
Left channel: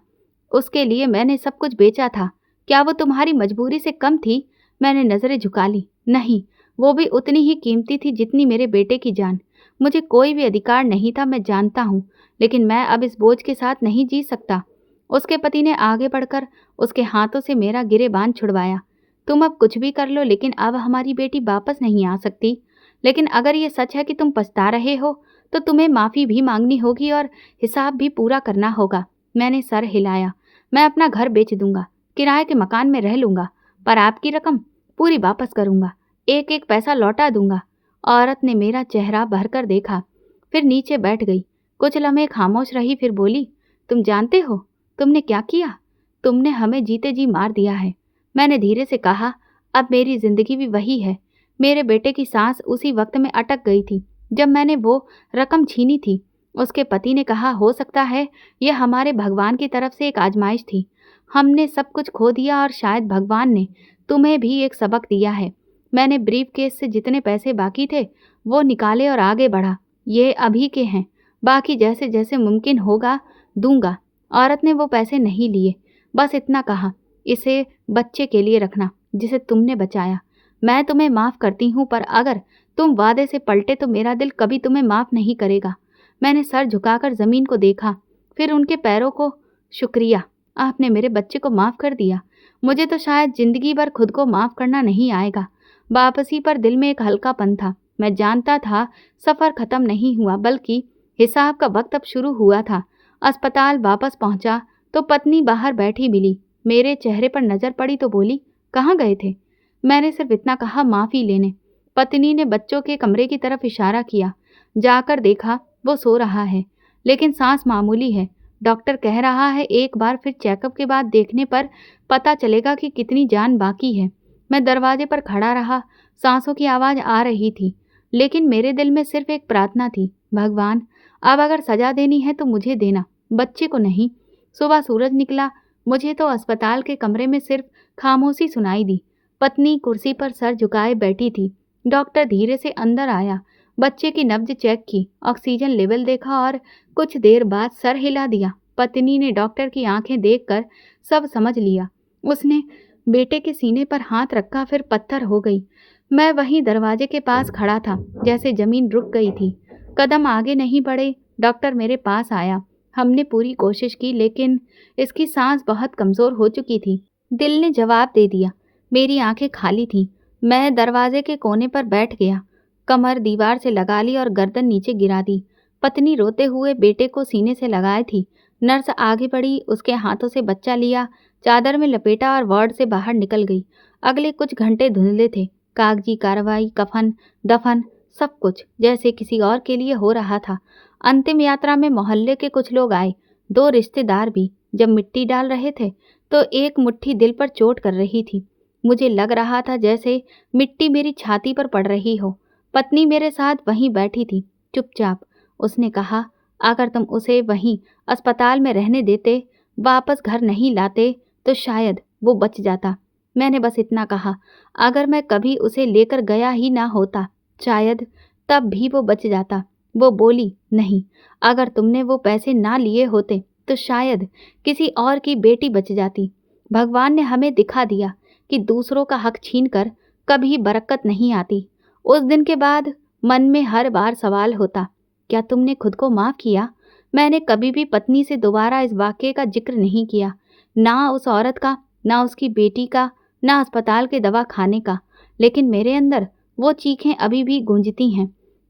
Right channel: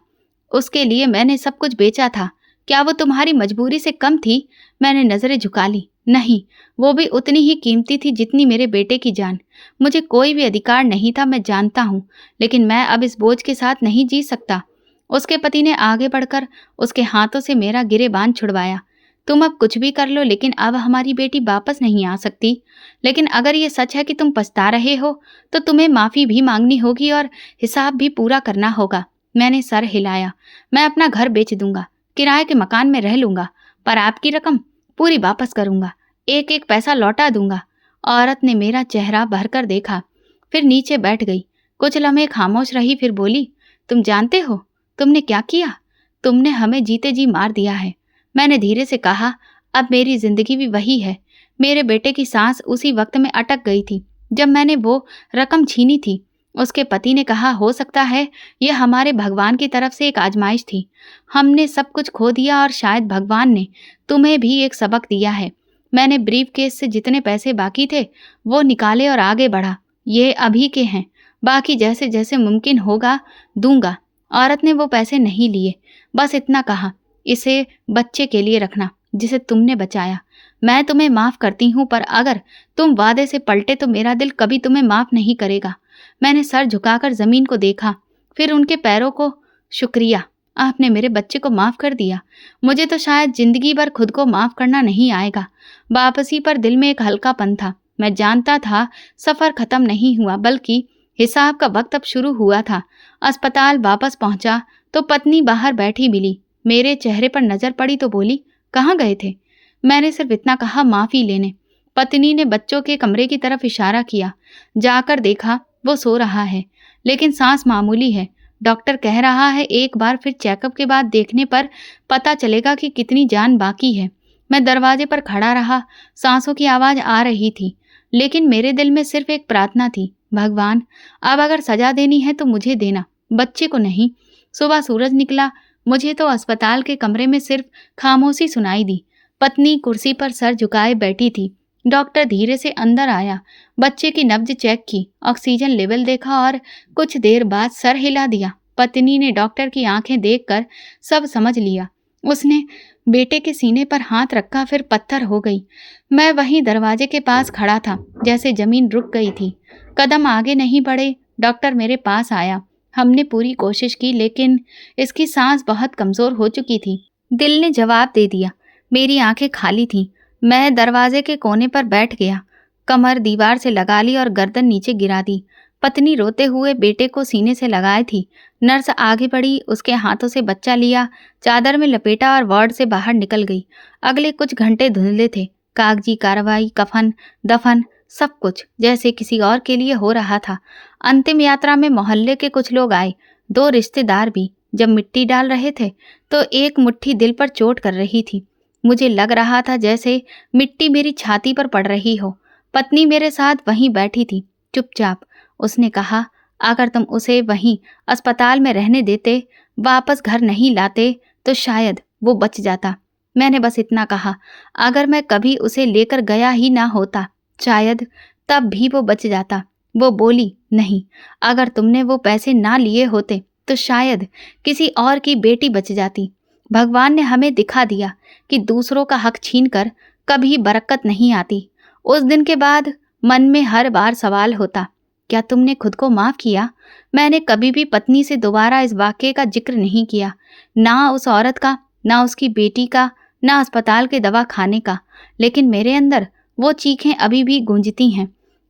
उसके लिए मैंने सब कुछ बेचा था। क्या वो तुम्हारी मजबूरी से कम थी? मैंने नज़रें झुका ली। नहीं, वो भी उतनी ही कीमती थी जितनी मेरे बेटे की जान। मुझे कोई भी अधिकार नहीं था, मैं जानता हूँ, लेकिन मैं अब इस बोझ के साथ नहीं जी सकता। उसके पति ने आगे बढ़कर उसके हाथों से मेरा गिरेबान छुड़वाया। तुम अब कुछ भी कर लो, लेकिन अब हमारी बेटी वापस नहीं आ सकती। लेकिन अगर ये सच है कि तुम पछता रहे हो, तो तुम्हें माफ़ी भी मांगनी होगी और हिसाब भी पूरा करना होगा। मैंने सर हिलाया। मैं अपना घर बेच दूंगा, किराए के मकान में रह लूंगा, पर आपकी रकम पूरी वापस करूंगा, एक एक पैसा लौटा दूंगा। औरत ने मेरा चेहरा भरकर देखा, फिर नीचे बैठ गई। कुछ लम्हे खामोश रही, फिर बोली, तुम जानते हो तुमने क्या किया? तुमने हमें जीते जी मार दिया है। मैंने धीरे से कहा, अब मेरी जिंदगी भी वही है। मेरे बेटे की सांस उसी वक्त में अटक गई थी जब मैंने वो रकम छीनी थी। उसके पति ने कहा, हो सकता है यह हमारे भगवान की तरफ से एक आजमाइश थी। हमने सब कुछ खो दिया और शायद भगवान ने तुम्हें भी एक सबक दिया है। मैंने ब्रीफ केस से जितने पैसे बाकी थे वो निकाले और आगे बढ़ा। ये अभी के हैं, बाकी जैसे जैसे मुमकिन होगा दूंगा। औरत ने वो पैसे नहीं लिए, बस इतना कहा, इसे बच्चे के लिए रखना जिसे तुमने बचाया। मैं तुम्हें माफ़ करती हूँ, पर अगर तुम वादे से पलटे तो मेरा दिल कभी तुम्हें माफ़ नहीं करेगा। मैंने सर झुकाकर ज़मीन को देखा, फिर उनके पैरों को। शुक्रिया, आपने मेरे बच्चे को माफ़ कर दिया। मुझे तो शायद ज़िंदगी भर खुद को माफ़ करना नहीं आएगा। वापसी पर दिल में एक हल्कापन था। मैं जानता था सफ़र ख़त्म नहीं हुआ, बल्कि हिसाब का वक्त अब शुरू हुआ था। अस्पताल वापस पहुंचा तो पत्नी बाहर बैठी मिली। मेरे चेहरे पर नज़र पड़ी तो बोली, कहाँ गए थे? मैंने सिर्फ इतना कहा, माफ़ी लेने। पत्नी ने बच्चों के कमरे की तरफ इशारा किया। जाकर देखा, वो सो रहा है, लेकिन सांस मामूली है। डॉक्टर कह रहा है एक बार फिर चेकअप के बाद देखने पर पता चलेगा कि कितनी जान बाकी है। मैं दरवाजे पर खड़ा रहा। सांसों की आवाज़ आ रही थी, लेकिन मेरे दिल में सिर्फ एक प्रार्थना थी, भगवान, अब अगर सजा देनी है तो मुझे देना, बच्चे को नहीं। सुबह सूरज निकला, मुझे तो अस्पताल के कमरे में सिर्फ खामोशी सुनाई दी। पत्नी कुर्सी पर सर झुकाए बैठी थी। डॉक्टर धीरे से अंदर आया, बच्चे की नब्ज चेक की, ऑक्सीजन लेवल देखा और कुछ देर बाद सर हिला दिया। पत्नी ने डॉक्टर की आंखें देखकर सब समझ लिया। उसने बेटे के सीने पर हाथ रखा, फिर पत्थर हो गई। मैं वहीं दरवाजे के पास खड़ा था, जैसे जमीन रुक गई थी। कदम आगे नहीं बढ़े। डॉक्टर मेरे पास आया। हमने पूरी कोशिश की, लेकिन इसकी सांस बहुत कमज़ोर हो चुकी थी। दिल ने जवाब दे दिया। मेरी आंखें खाली थीं। मैं दरवाजे के कोने पर बैठ गया, कमर दीवार से लगा ली और गर्दन नीचे गिरा दी। पत्नी रोते हुए बेटे को सीने से लगाए थी। नर्स आगे बढ़ी, उसके हाथों से बच्चा लिया, चादर में लपेटा और वार्ड से बाहर निकल गई। अगले कुछ घंटे धुंधले थे। कागजी कार्रवाई, कफन, दफन, सब कुछ जैसे किसी और के लिए हो रहा था। अंतिम यात्रा में मोहल्ले के कुछ लोग आए, 2 रिश्तेदार भी। जब मिट्टी डाल रहे थे तो एक मुट्ठी दिल पर चोट कर रही थी। मुझे लग रहा था जैसे मिट्टी मेरी छाती पर पड़ रही हो। पत्नी मेरे साथ वहीं बैठी थी, चुपचाप। उसने कहा, अगर तुम उसे वहीं अस्पताल में रहने देते, वापस घर नहीं लाते, तो शायद वो बच जाता। मैंने बस इतना कहा। अगर मैं कभी उसे लेकर गया ही ना होता, शायद तब भी वो बच जाता। वो बोली, नहीं, अगर तुमने वो पैसे ना लिए होते तो शायद किसी और की बेटी बच जाती। भगवान ने हमें दिखा दिया कि दूसरों का हक छीनकर कभी बरकत नहीं आती। उस दिन के बाद मन में हर बार सवाल होता, क्या तुमने खुद को माफ़ किया? मैंने कभी भी पत्नी से दोबारा इस वाक़ये का जिक्र नहीं किया, ना उस औरत का, ना उसकी बेटी का, ना अस्पताल के दवा खाने का। लेकिन मेरे अंदर वो चीखें अभी भी गूंजती हैं।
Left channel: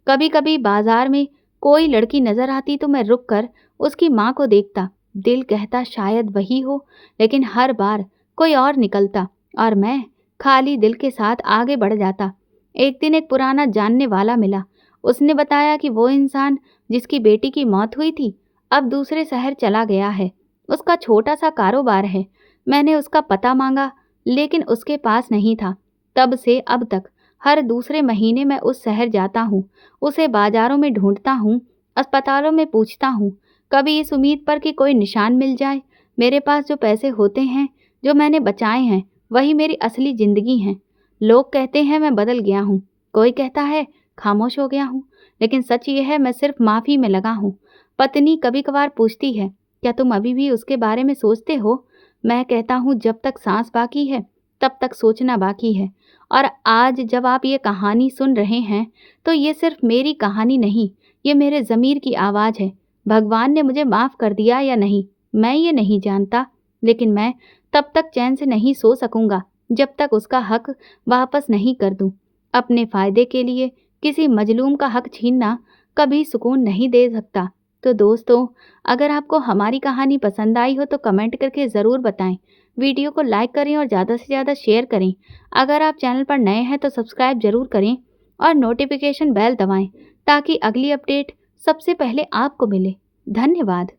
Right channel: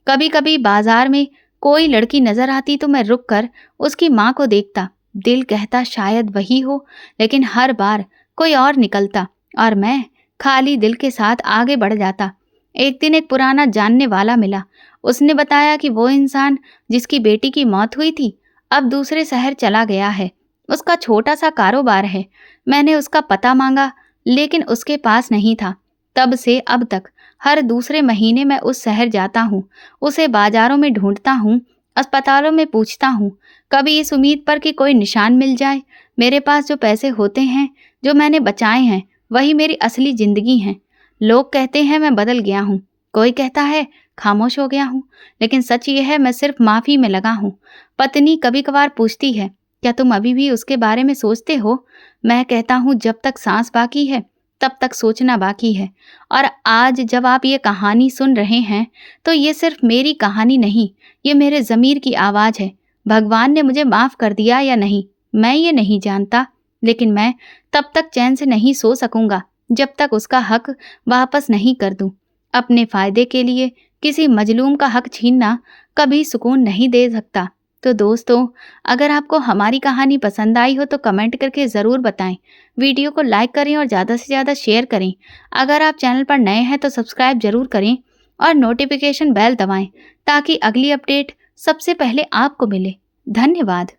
कभी कभी बाजार में कोई लड़की नजर आती तो मैं रुक कर उसकी माँ को देखता। दिल कहता शायद वही हो, लेकिन हर बार कोई और निकलता और मैं खाली दिल के साथ आगे बढ़ जाता। एक दिन एक पुराना जानने वाला मिला। उसने बताया कि वो इंसान जिसकी बेटी की मौत हुई थी, अब दूसरे शहर चला गया है। उसका छोटा सा कारोबार है। मैंने उसका पता मांगा, लेकिन उसके पास नहीं था। तब से अब तक हर दूसरे महीने मैं उस शहर जाता हूँ, उसे बाजारों में ढूंढता हूँ, अस्पतालों में पूछता हूँ, कभी इस उम्मीद पर कि कोई निशान मिल जाए। मेरे पास जो पैसे होते हैं, जो मैंने बचाए हैं, वही मेरी असली ज़िंदगी हैं। लोग कहते हैं मैं बदल गया हूँ, कोई कहता है खामोश हो गया हूँ, लेकिन सच ये है मैं सिर्फ माफ़ी में लगा हूँ। पत्नी कभी कभार पूछती है, क्या तुम अभी भी उसके बारे में सोचते हो? मैं कहता हूँ जब तक सांस बाकी है तब तक सोचना बाकी है। और आज जब आप ये कहानी सुन रहे हैं, तो ये सिर्फ मेरी कहानी नहीं, ये मेरे ज़मीर की आवाज़ है। भगवान ने मुझे माफ़ कर दिया या नहीं, मैं ये नहीं जानता, लेकिन मैं तब तक चैन से नहीं सो सकूंगा जब तक उसका हक वापस नहीं कर दूं। अपने फ़ायदे के लिए किसी मजलूम का हक छीनना कभी सुकून नहीं दे सकता। तो दोस्तों, अगर आपको हमारी कहानी पसंद आई हो तो कमेंट करके ज़रूर बताएं। वीडियो को लाइक करें और ज़्यादा से ज़्यादा शेयर करें। अगर आप चैनल पर नए हैं तो सब्सक्राइब ज़रूर करें और नोटिफिकेशन बेल दबाएं, ताकि अगली अपडेट सबसे पहले आपको मिले। धन्यवाद।